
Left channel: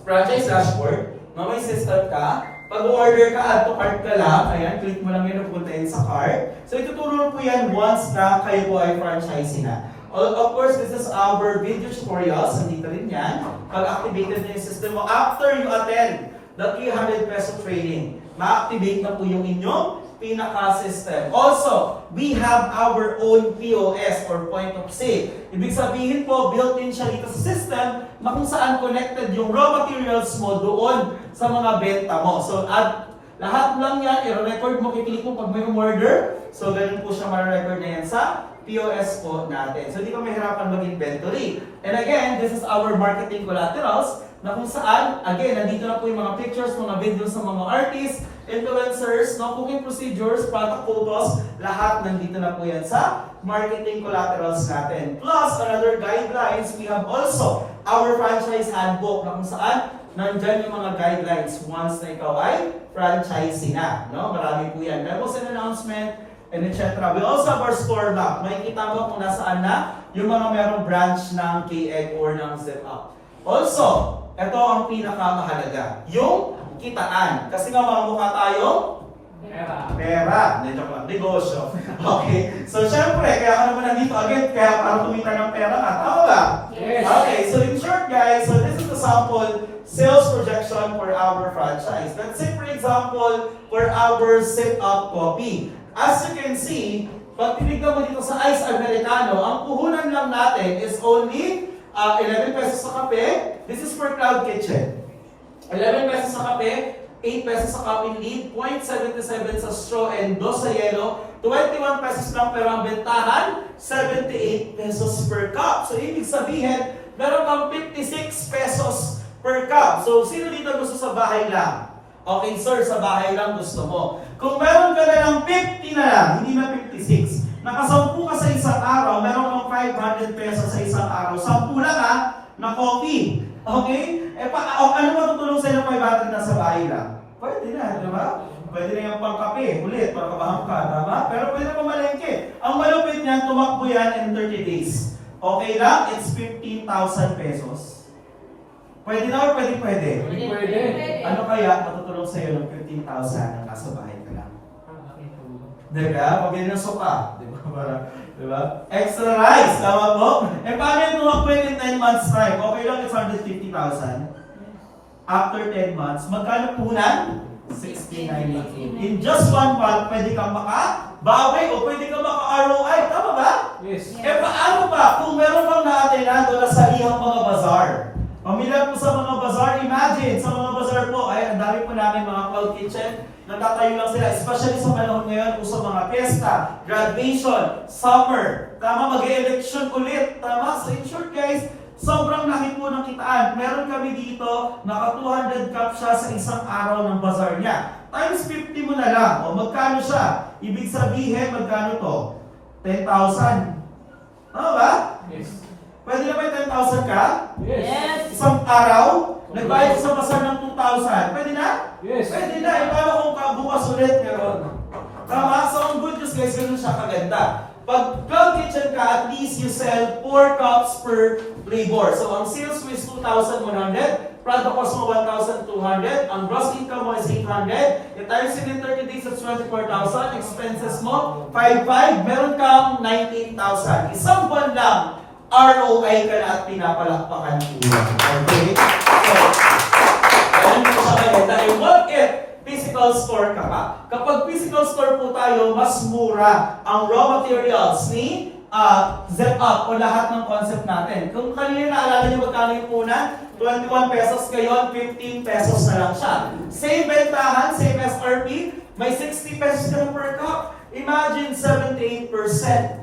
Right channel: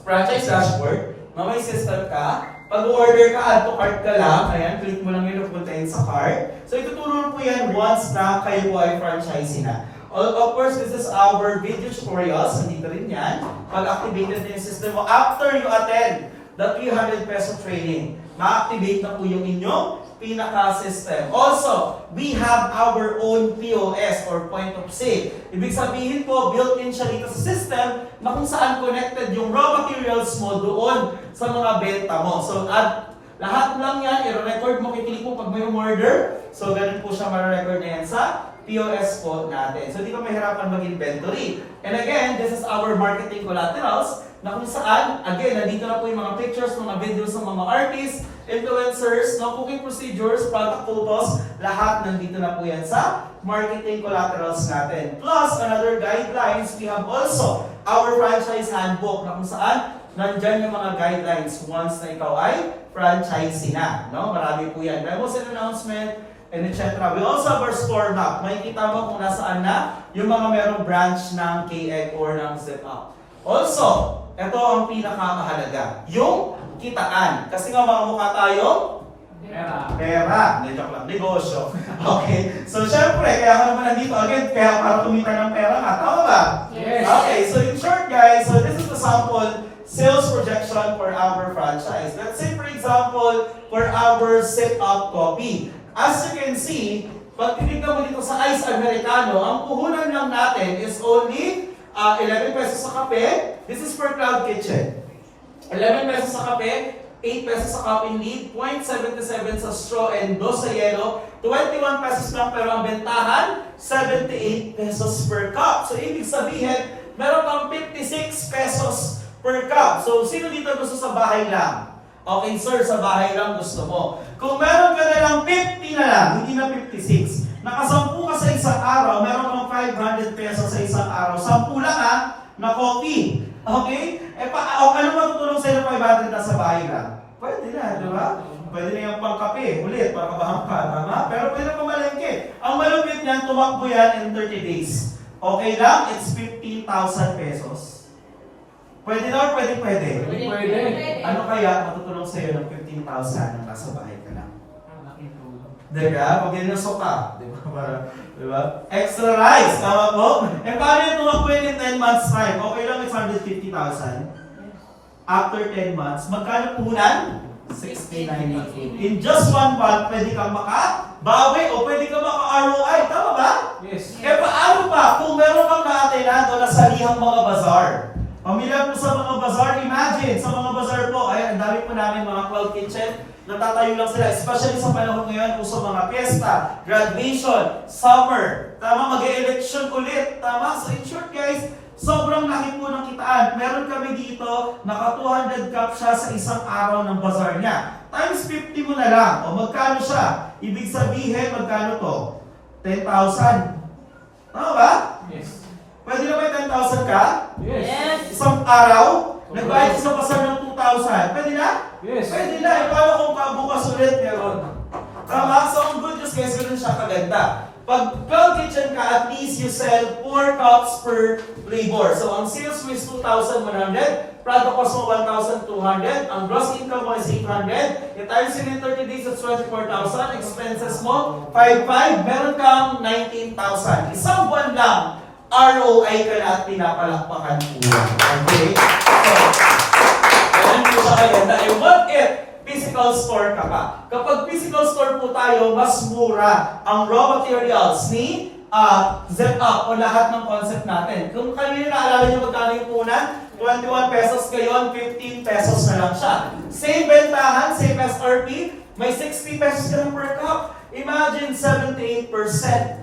franchise dashboard. May system ka. Pag order ka, add to cart ka lang. Ayan, click mo lang yun, pupunta yun sa cart. So ituturo po yan once na kayo po ay franchisee na. Of course, this is our video tutorials. Nandito rin yan. Pag-activated na yung system mo, after you attend the 300 peso training, ma-activate na po yung inyong pinaka-system. Also, we have our own POS or point of sale. Ibig sabihin po, built-in siya dito sa system na kung saan connected yung raw materials mo doon sa mga benta mo. So, at lahat lang yan, i-record mo, kikilik mo pag may order. So, ganun po siya ma-record na yan sa POS po natin. So, di ka mahirapan mag-inventory. And again, this is our marketing collaterals na kung saan, again, nandito na po yung mga pictures, mga videos ng mga artists, influencers, cooking procedures, product photos, lahat nandito na po yan sa marketing collaterals natin. Plus, another guidelines, we have also our franchise handbook na kung saan nandyan yung mga guidelines once na ikaw ay franchisee na. No? Marami po yan. Memos and announcement, and etc. We also have our store map. Makikita mo kung nasaan na yung mga merong branch ng KEG or ng Zip Up. Also, ito ang pinakamahalaga, yung kitaan. Kasi nga mga mukha tayo, pera. Hindi, joke lang, negosyo. Okay, so syempre, kaya ka naman nandito again, kaya para kumita ng pera nga. Tama ba? Yes. Okay, so in short guys, so this is the sample sales projection for our franchise. Let's say for example, for our Zip Up coffee. As you can see, pag tinignan mo dito sa Ice Americano, ang puhunan lang natin is only 11 pesos sa kape. This is for Cloud Kitchen. 11 pesos sa kape, 8 pesos sa coffee lead, 0.77 sa straw and 2 sa yellow, 21 pesos lang pero ang bentahan, 78 pesos per cup. So ibig sabihin, meron kang 56 pesos per cup. So sino dito gusto sa bahay lang? Okay sir, sa bahay lang gusto mo. Kung meron ka na lang 50 na lang, hindi na 56, nakasampu ka sa isang araw, meron kang 500 pesos sa isang araw, 10 lang na coffee. Okay? Ano matutulong sa'yo ng 500 na sa bahay lang? Pwede na, di ba? Pwede na yung pangkape, ulit, para kabahang ka, tama? Pero pwede na pumalengke. Ang malupit niyan, tumakbo yan in 30 days. Okay lang? It's 15,000 pesos. Pwede na or pwede? Pwede. Ano kaya matutulong sa'yo ng 15,000 na nasa bahay ka lang? Diba? Pag inusok ka, diba? Diba? Extra rice, tama po? Eh paano yung tumakbo in 10 months time? Okay lang, it's 150,000. After 10 months, magkano punan? 69.88. In just 1 month, pwede kang Baboy o pwede ka maka-ROI. Tama ba? Yes. Eh paano ba kung meron kang naatay na salihang mga bazaar? Pamilyar po sa mga bazaar, imagine, sa mga bazaar po, ay ang dami po namin mga cloud kitchen, natatayo lang sila, especially sa panahon ngayon, uso mga fiesta, graduation, summer, tama, mag-election ulit, tama? So in short guys, sobrang laki po ng kitaan. Meron kami dito, naka 200 cup siya sa isang araw ng bazaar niya. Times 50 mo na lang, o magkano siya? Ibig sabihin, magkano to? 10,000. Tama ba? Yes. Pwede na ba 10,000 ka? Yes. Isang araw? Nagbayad sa bazaar ng 2,000. Pwede na? Yes. Pwede na. E paano kung bukas ulit meron? Tama? So ang good news guys, ganun siya kaganda. Pag cloud kitchen ka, at least you sell 4 cups per labor. So ang sales mo is 2,100. Product cost mo 1,200. Ang gross income mo is 800. Yung times in 30 days, it's 24,000. Expenses mo, 5,500. Meron kang 19,000. Isang buwan lang, ROI ka na at pinapalakpakan po. Okay? So, ganun po siya kaganda. And what if physical store ka pa? Kapag physical store po tayo, mas mura ang raw materials ni ZEP-UP o lahat ng concept natin. Kung kanina naalala nyo magkano yung punan, 21 pesos ngayon, 15 pesos na lang siya. Same bentahan, same SRP, may 60 pesos ka na per cup. Imagine 78%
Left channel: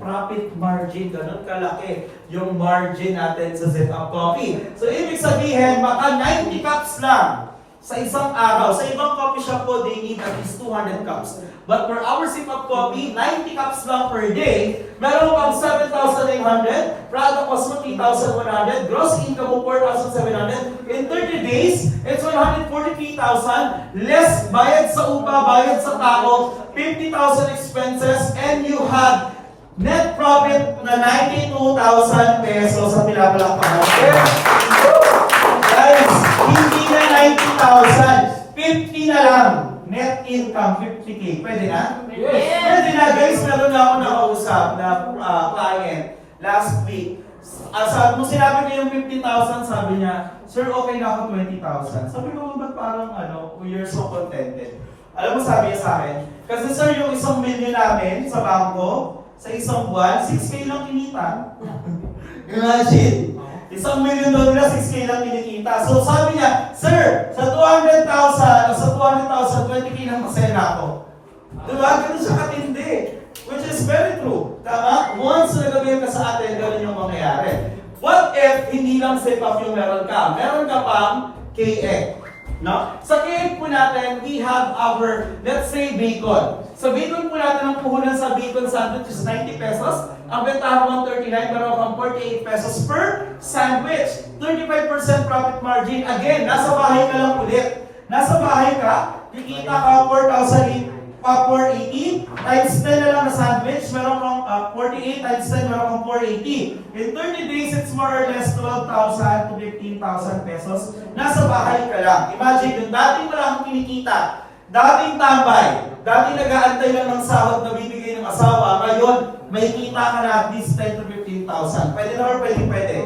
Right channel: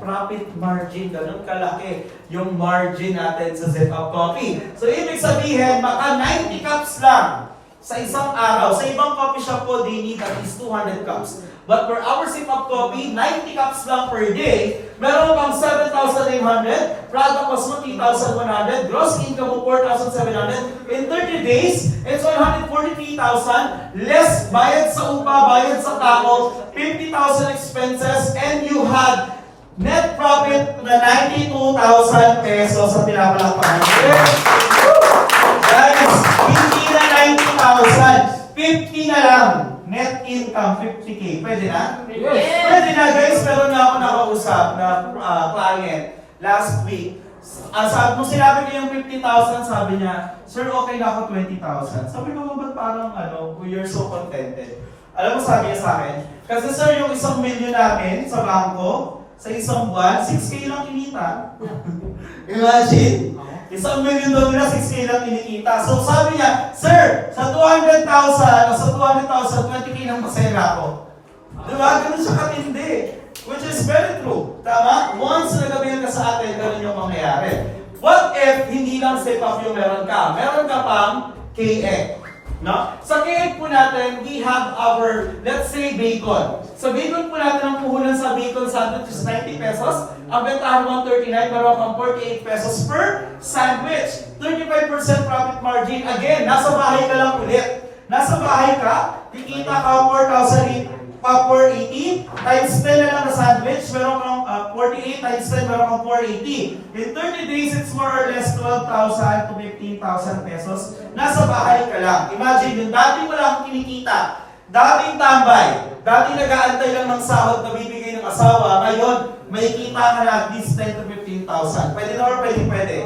profit margin, ganun kalaki yung margin natin sa ZEP-UP Coffee. So ibig sabihin, baka 90 cups lang sa isang araw. Sa ibang coffee shop po, they need at least 200 cups. But for our ZEP-UP Coffee, 90 cups lang per day. Meron kang 7,800, product cost mo 3,100, gross income mo 4,700. In 30 days, it's 143,000, less bayad sa upa, bayad sa tao, 50,000 expenses, and you had net profit na 92,000 pesos sa pinapalakpakan. Guys, hindi na 90,000, 50 na lang. Net income, 50K. Pwede na? Yes. Pwede na guys, meron na ako nakausap na client last week. Nung sinabi ko yung 50,000, sabi niya, sir, okay na ako 20,000. Sabi ko, ba't parang you're so contented? Alam mo, sabi niya sa akin, kasi sir, yung 1 million namin sa bangko, sa isang buwan, 6K lang kinita. Imagine! 1 million daw nila, 6K lang kinikita. So sabi niya, sir, sa 200,000 o sa 200,000, 20K lang masaya ako. Diba? Ganun siya katindi. Which is very true. Tama? Once nagabil ka sa atin, ganun yung mangyayari. What if hindi lang ZEP-UP yung meron ka? Meron ka pang KX. No? Sa KX po natin, we have our, let's say, bacon. Sa bacon po natin, ang puhunan sa bacon sandwich is 90 pesos. Ang bentahan 139, meron kang 48 pesos per sandwich. 35% profit margin. Again, nasa bahay ka lang ulit. Nasa bahay ka, kikita ka 4,480 times 10 na lang na sandwich, meron kang 48 times 10, meron kang 480. In 30 days, it's more or less 12,000 to 15,000 pesos. Nasa bahay ka lang. Imagine, yung dati mo lang kinikita, dating tambay, dating nag-aantay lang ng sahod na bibigay ng asawa, ngayon, may kita ka na at least 10 to 15,000. Pwede na or pwede?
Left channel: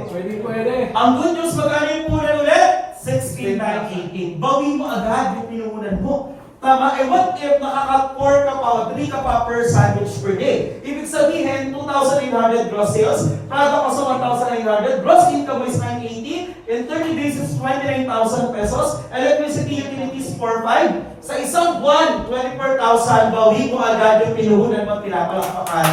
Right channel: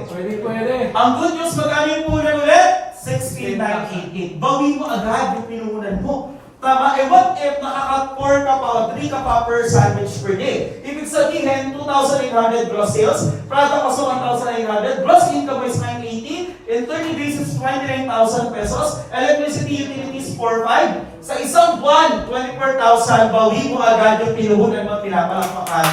Pwede. Ang good news, magkano yung puhunan ulit? 16,918. Bawin mo agad yung pinuhunan mo. Tama, what if nakaka-4 ka pa o 3 ka pa per sandwich per day? Ibig sabihin, 2,800 gross sales, product cost 1,900, gross income is 980, in 30 days is 29,000 pesos, electricity utilities 4,500, sa isang buwan, 24,000, bawi mo agad yung pinuhunan mo, pinapalakpakan.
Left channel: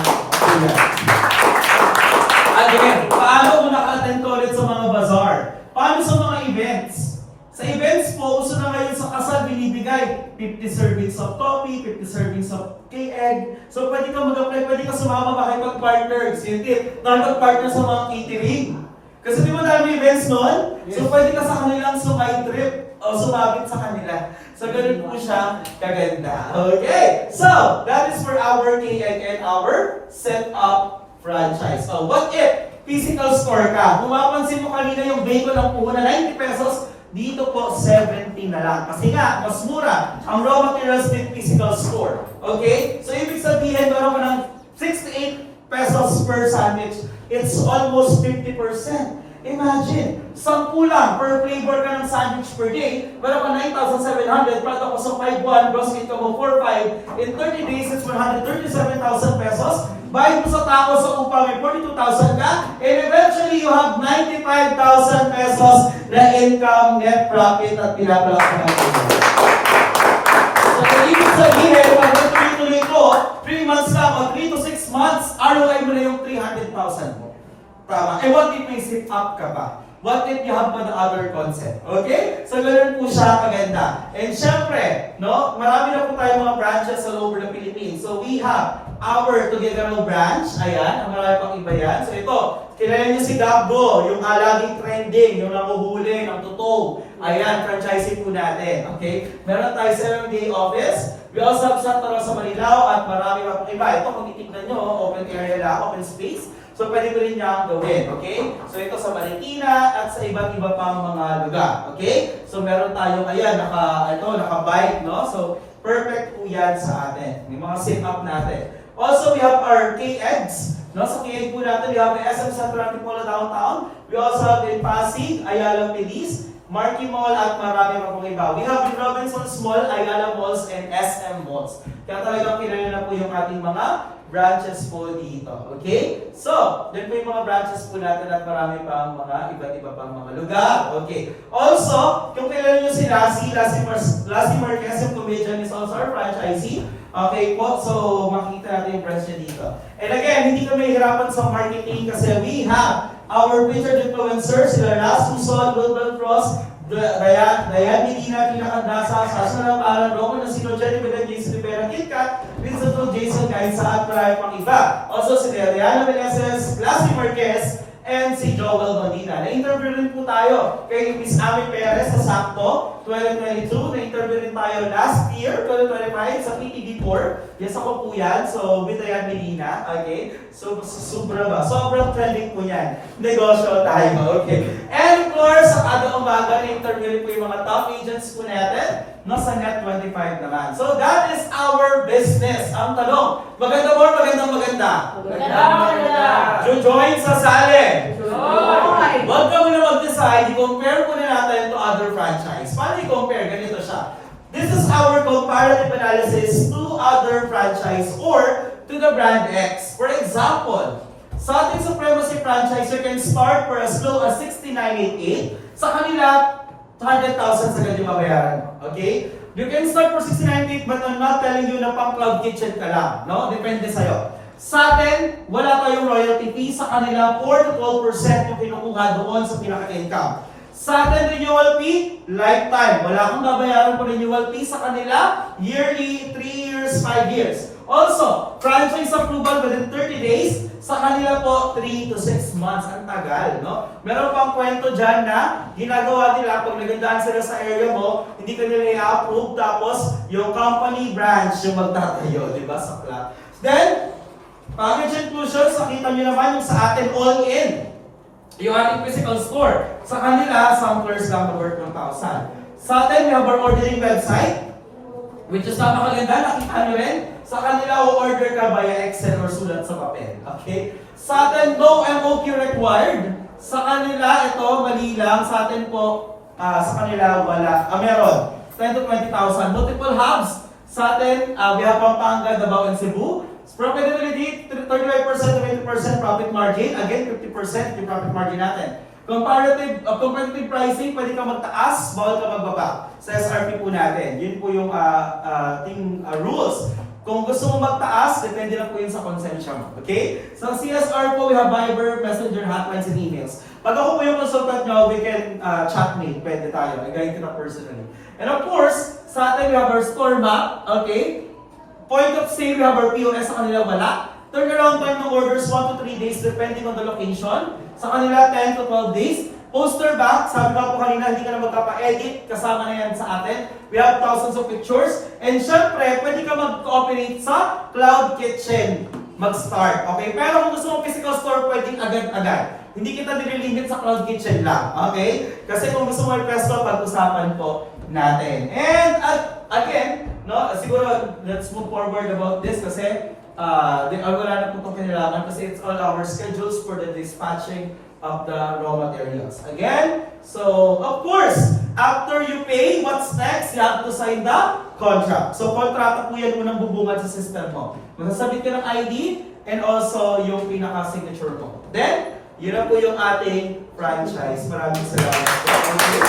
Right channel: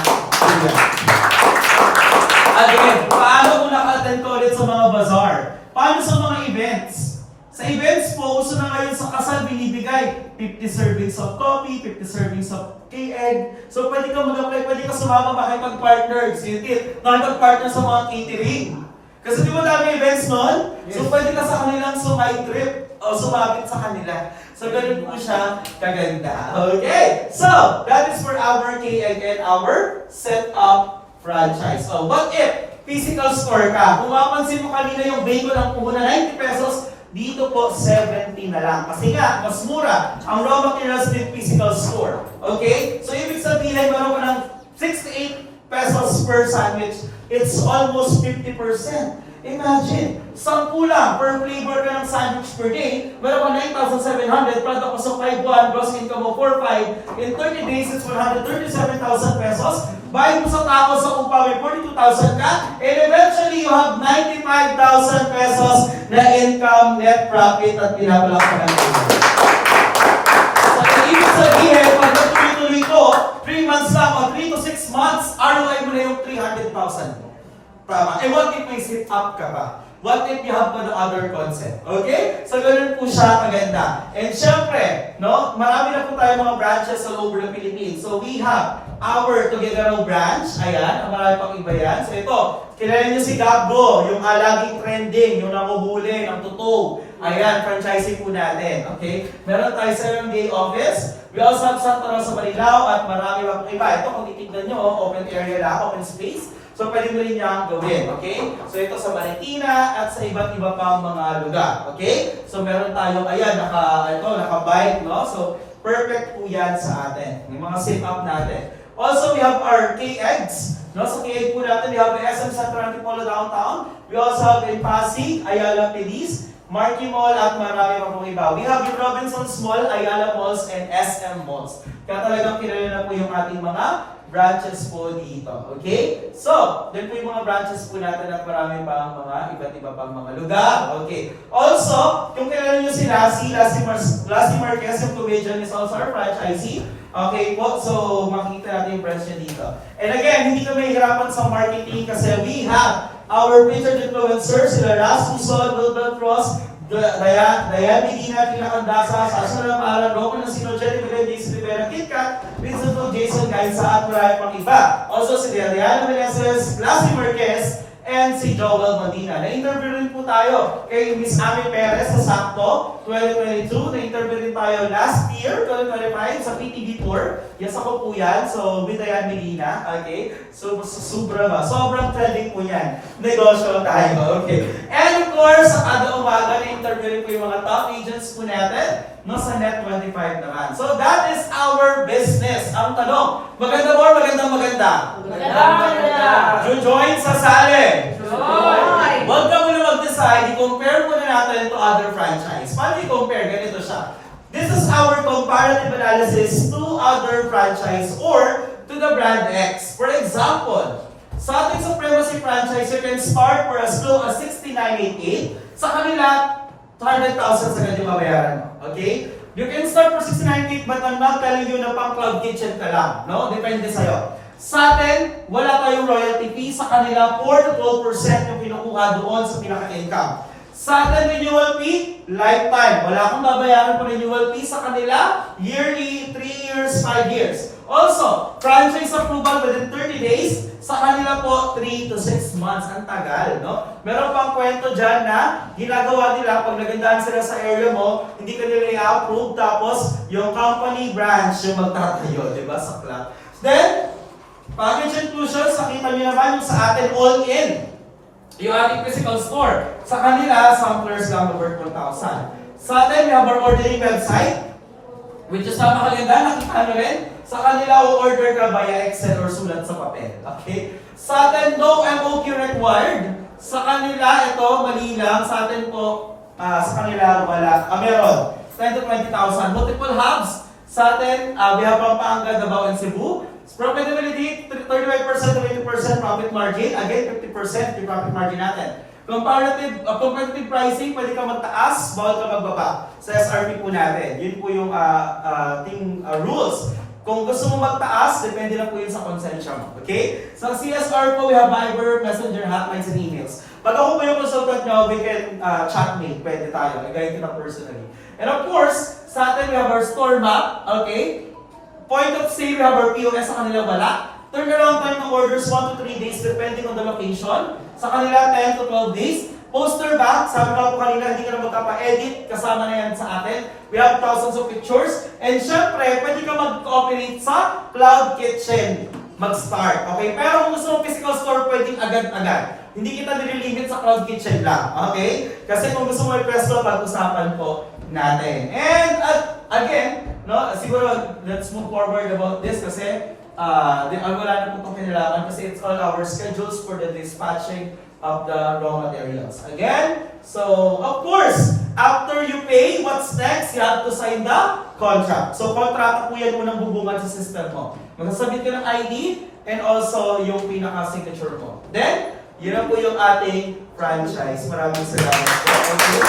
Again, paano kung naka-attend ka ulit sa mga bazaar? Paano sa mga events? Sa events po, uso na ngayon sa kasal binibigay 50 servings of coffee, 50 servings of K-egg. So pwede ka mag-apply, pwede ka sumama makipag-partner. Sintit, nakipag-partner sa mga catering. Kasi di ba dami events noon? Yes. So pwede ka sa kanilang sumay-trip o sumabit sa kanila. So ganun po siya kaganda. Okay, so that is for our K-egg and our ZEP-UP franchise. So what if physical store ka? Kung mapansin mo kanina yung bacon ang puhunan 90 pesos, dito po, 70 na lang. Kasi nga, mas mura ang raw materials with physical store. Okay? So, ibig sabihin, meron ko ng 6 to 8 pesos per sandwich. It's almost 50%. Imagine, 10 lang per flavor ka ng sandwich per day, meron ka 9,700, product cost of 5,1, gross income mo 4,500, in 30 days, it's 137,000 pesos. Bayad mo sa tao sa upa, may 42,000 ka, and eventually, you have 95,000 pesos na income, net profit, at pinapalak ka ng labor. So, ibig sabihin, pag nagtuloy-tuloy ko, 3 months lang, o 3 to 6 months, ROI mo na yung 300,000 mo. Tama. And what if may sit up ka pa? What if you have pa the other concept? Okay? So, ganun po siya kaganda. And syempre, no, marami na po tayo mga branches all over the Philippines. So, we have our Tuguegarao branch. Ayan, ang marami pang iba yan. So, ito, kilala niyo si Gabgo, yung laging trending, yung nanguhuli, ng totoo. Ayan, franchising po natin. Okay? Meron tayo 7-day office. We also have Santa Rosa, Marilao, at marami pa pang iba. Ito, kung titignan nyo, open area lang, open space. So, pwede mo rin niya gawin, okay? So, ito sa Marikina at sa iba't iba pang mga lugar, okay? So, meron tayong, ayan, naka-bike, no? So, perfect po yan sa atin. Yung mga sit-up natin. Also, we have our KEGs, no? Sa KEG po natin, we have the SM Central Antipolo Downtown. We also have in Pasig, Ayala Feliz, Marquee Mall, at marami pa pong iba. We have the Robinsons Mall, Ayala Malls, and SM Malls. Kaya talagang kilala na po yung ating mga branches po dito. Okay? So, doon po yung mga branches po natin at marami pang mga iba't iba pang mga lugar. Okay. Also, kung kailan nyo si Lassie Marquez, yung comedian, is also our franchisee. Okay po, so makikita natin yung branch niya dito. And again, hindi kami hirapan sa marketing kasi we have our featured influencers, sila Ras Suson, Wilbert Cross, Dayan Medina, Pinakandasa, Sasha Paalam, Roman Nasino, Jenny Belen, Jason Rivera, KitKat, Vincent Ro, Jason Gainsa, at marami pang iba. Also si Deliana Meneses, Lassie Marquez, and si Joel Medina. Na-interview rin po tayo kay Miss Ami Perez sa Sakto 2022. Na-interview rin tayo last year, 2025, sa PTV4. Yes, ako po yan. So, with Dayan Medina. Okay? So, sobrang trending po yan. Negosyo tayo. Okay. And of course, sa kada umaga, na-interview rin po yung mga top agents po natin. No, sa Net25 naman. So, that is our business. Ang tanong, maganda ba or maganda? Join sa sali. Huwag ka muna mag-decide, i-compare muna natin to other franchise. Paano i-compare? Ganito siya. This is our comparative analysis to other franchise or to the brand X. For example, sa ating Supremacy franchise, you can start for as low as 6988. Sa kanila, 100,000 sa ganyan mabayaran. Okay? You can start for 6988 but I'm not telling you na pang cloud kitchen ka lang. No? Depende sa'yo. Sa atin, wala tayong royalty fee. Sa kanila, 4 to 12% yung kinukuha doon sa pinaka-income. Sa atin, renewal fee, lifetime. Wala akong babayaran po renewal fee. Sa kanila, yearly, 3 years, 5 years. Also, franchise approval within 30 days. Sa kanila po, 3 to 6 months. Ang tagal, no? Meron pang kwento dyan na ginagawa nila pag nagandahan sila sa area mo, hindi ka nila i-approve, tapos yung company branch yung magtatayo, di ba, sa club. Then, package inclusions, nakita nyo naman yung sa atin all-in. Yung ating physical store. Sa kanila, samplers lang over 1,000. Sa atin, we have our ordering website, which is napakaganda, nakita nyo rin. Sa kanila, order ka via Excel or sulat sa papel. Okay? Sa atin, no MOQ required. Sa kanila, ito, mali lang. Sa atin po, sa kanila, wala. Meron. 10 to 20,000. Multiple hubs. Sa atin, we have Pampanga, Davao, and Cebu. Profitability, 35% to 80% profit margin. Again, 50% yung profit margin natin. Competitive pricing, pwede ka magtaas, bawal ka magbaba. Sa SRP po natin. Yun po yung ating rules. Kung gusto mo magtaas, depende na po yun sa konsensya mo. Okay? Sa CSR po, we have Viber, Messenger, hotlines, and emails. Pag ako po yung consultant nyo, we can chatmate. Pwede tayo. I-guide kita personally. And of course, sa atin, we have our store map. Okay? Point of sale, we have our POS. Sa kanila, wala. Turnaround time ng orders, 1 to 3 days depending on the location. Sa kanila, 10 to 12 days. Poster back, sabi ko po kanina, hindi ka na magkapa-edit, kasama na yan sa atin. We have thousands of pictures. And syempre, pwede ka mag-cooperate sa Cloud Kitchen mag-start. Okay? Pero kung gusto mo physical store, pwedeng agad-agad. Hindi kita nililimit sa Cloud Kitchen lang. Okay? Kasi kung gusto mo i-presto, pag-usapan po natin. And again, no, siguro let's move forward about this kasi wala na po itong kailangan kasi it's all our schedules for the dispatching of the raw materials. Again, so of course, after you pay, what's next? You have to sign the contract. So kontrata po yan unang bubungad sa system mo. Magsasabit ka ng ID and also yung pinaka-signature mo. Then, yun na po yung ating franchise. Maraming salamat po. Okay.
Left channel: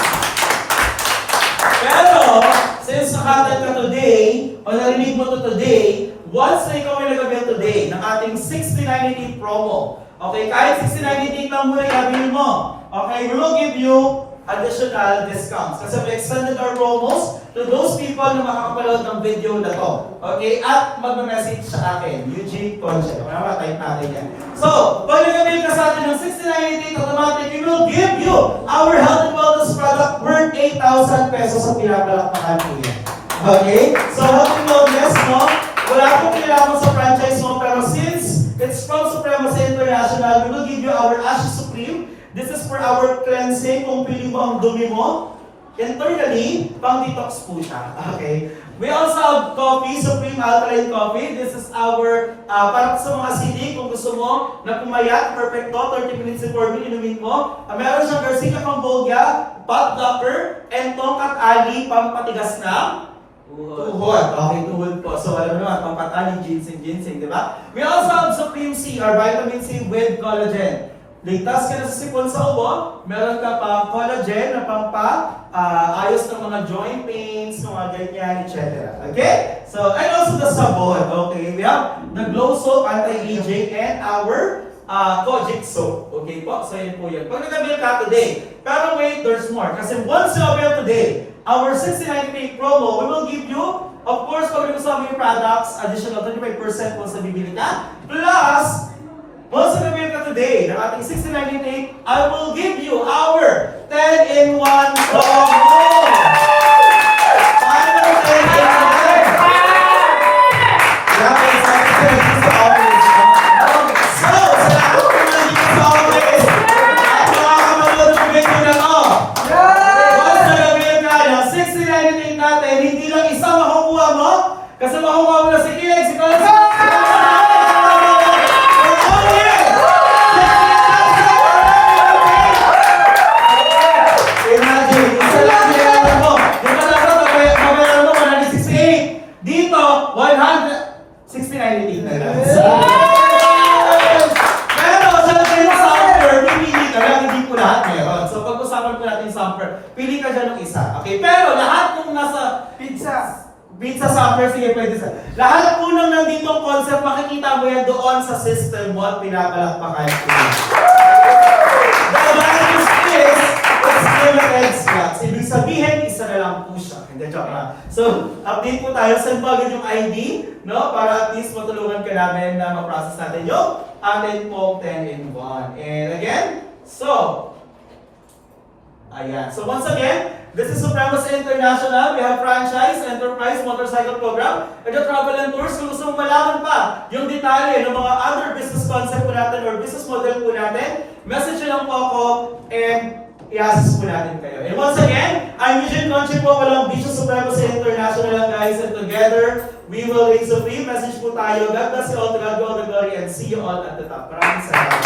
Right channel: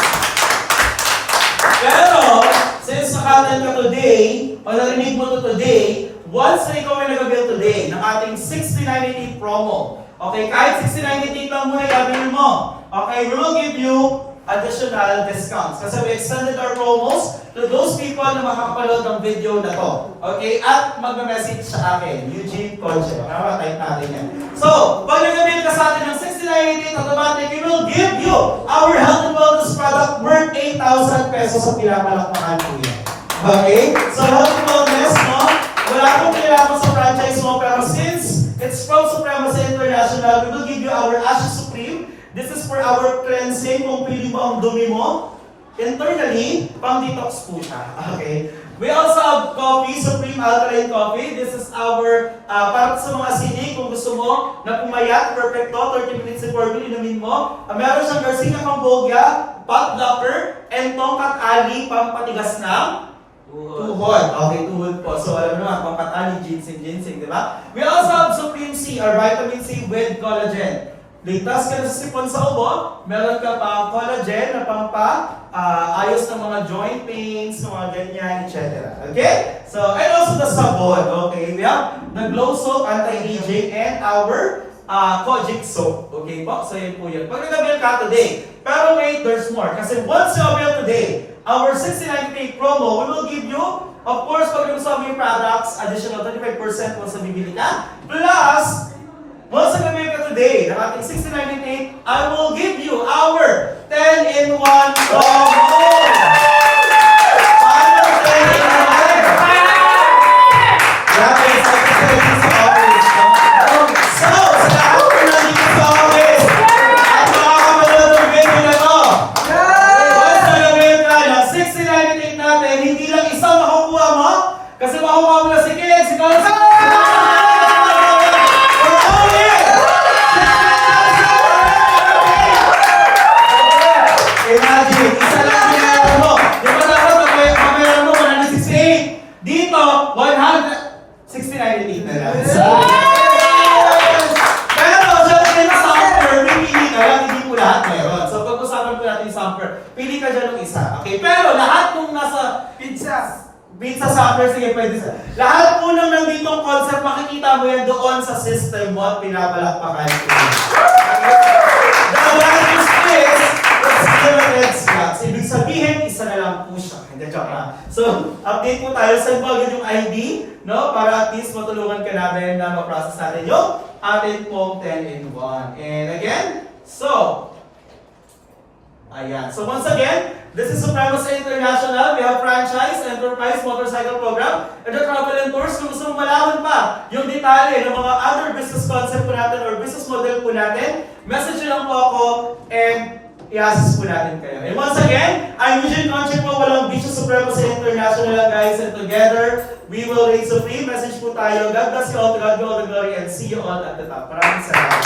Pero, since nakatan ka today, o narinig mo to today, once na ikaw ay nag-avail today ng ating 6988 promo, okay, kahit 6988 lang muna i-avail mo, okay, we will give you additional discounts. Kasi we extended our promos to those people na makakapanood ng video na to. Okay, at magme-message sa akin, Eugene Conche. Type natin yan. So, pag nag-avail ka sa atin ng 6988 automatic, we will give you our health and wellness product worth 8,000 pesos sa pinapalakpakan po yan. Okay? So, health and wellness, no? Wala akong kailangan sa franchise mo, pero since it's from Supremacy International, we will give you our Ashes Supreme. This is for our cleansing. Kung pili mo ang dumi mo, internally, pang-detox po siya. Okay? We also have coffee, Supreme Alkaline Coffee. This is our, para sa mga CD, kung gusto mo na pumayat, perfect to, 30 minutes before meal, inumin mo. Meron siyang Garcia Cambogia, pot blocker, and tongkat ali, pampatigas ng tuhod. Okay, tuhod po. So, alam mo naman, pampatali, ginseng, di ba? We also have Supreme C, or vitamin C with collagen. Ligtas ka na sa sipon sa ubo, meron ka pang collagen na ayos ng mga joint pains, mga ganyan, etc. Okay? So, and also the sabon. Okay? We have the Glow Soap, anti-aging, and our Kojic Soap. Okay po? So, yun po yun. Pag nag-avail ka today, pero wait, there's more. Kasi once you avail today, our 69 promo, we will give you, of course, pag gusto mo yung products, additional 25% once na bibili ka. Plus, once na avail ka today, ng ating 6988, I will give you our 10-in-1 promo! Paano 10-in-1? Kaya kayo sa ating sa office. So, sa lahat ko na dito sa office, at makakapanood ng video na to. Once na avail ka ng 6988 natin, hindi lang isa makukuha mo, kasi makukuha mo na si Kilig, si Carlos, imagine, isa lang sinayang mo. Di ba dapat mabayaran mo 168? Dito, 169.88 na lang. Pero sa software, pipili ka lang, hindi po lahat meron. So pag-usapan po natin yung software, pili ka dyan ng isa. Okay, pero lahat kung nasa pizza software, sige pwede sa. Lahat po nang nandito ang concept, makikita mo yan doon sa system mo at pinapalakpakan po. The advantage is, it's limited slots. Ibig sabihin, isa na lang po siya. Hindi, joke lang. So, update po tayo sa bagay yung ID, no? Para at least matulungan ka namin na ma-process natin yung atin pong 10-in-1. And again, so, ayan. So once again, this is Supremacy International. We have franchise, enterprise, motorcycle program, and the travel and tours. Kung gusto mong malaman pa yung detalye ng mga other business concept po natin or business model po natin, message nyo lang po ako and i-assist po natin kayo. And once again, I'm Eugene Conche po, walang Bisyo Supremacy International lang guys, and together, we will reign supreme. Message po tayo. God bless you all, to God be all the glory, and see you all at the top. Maraming salamat.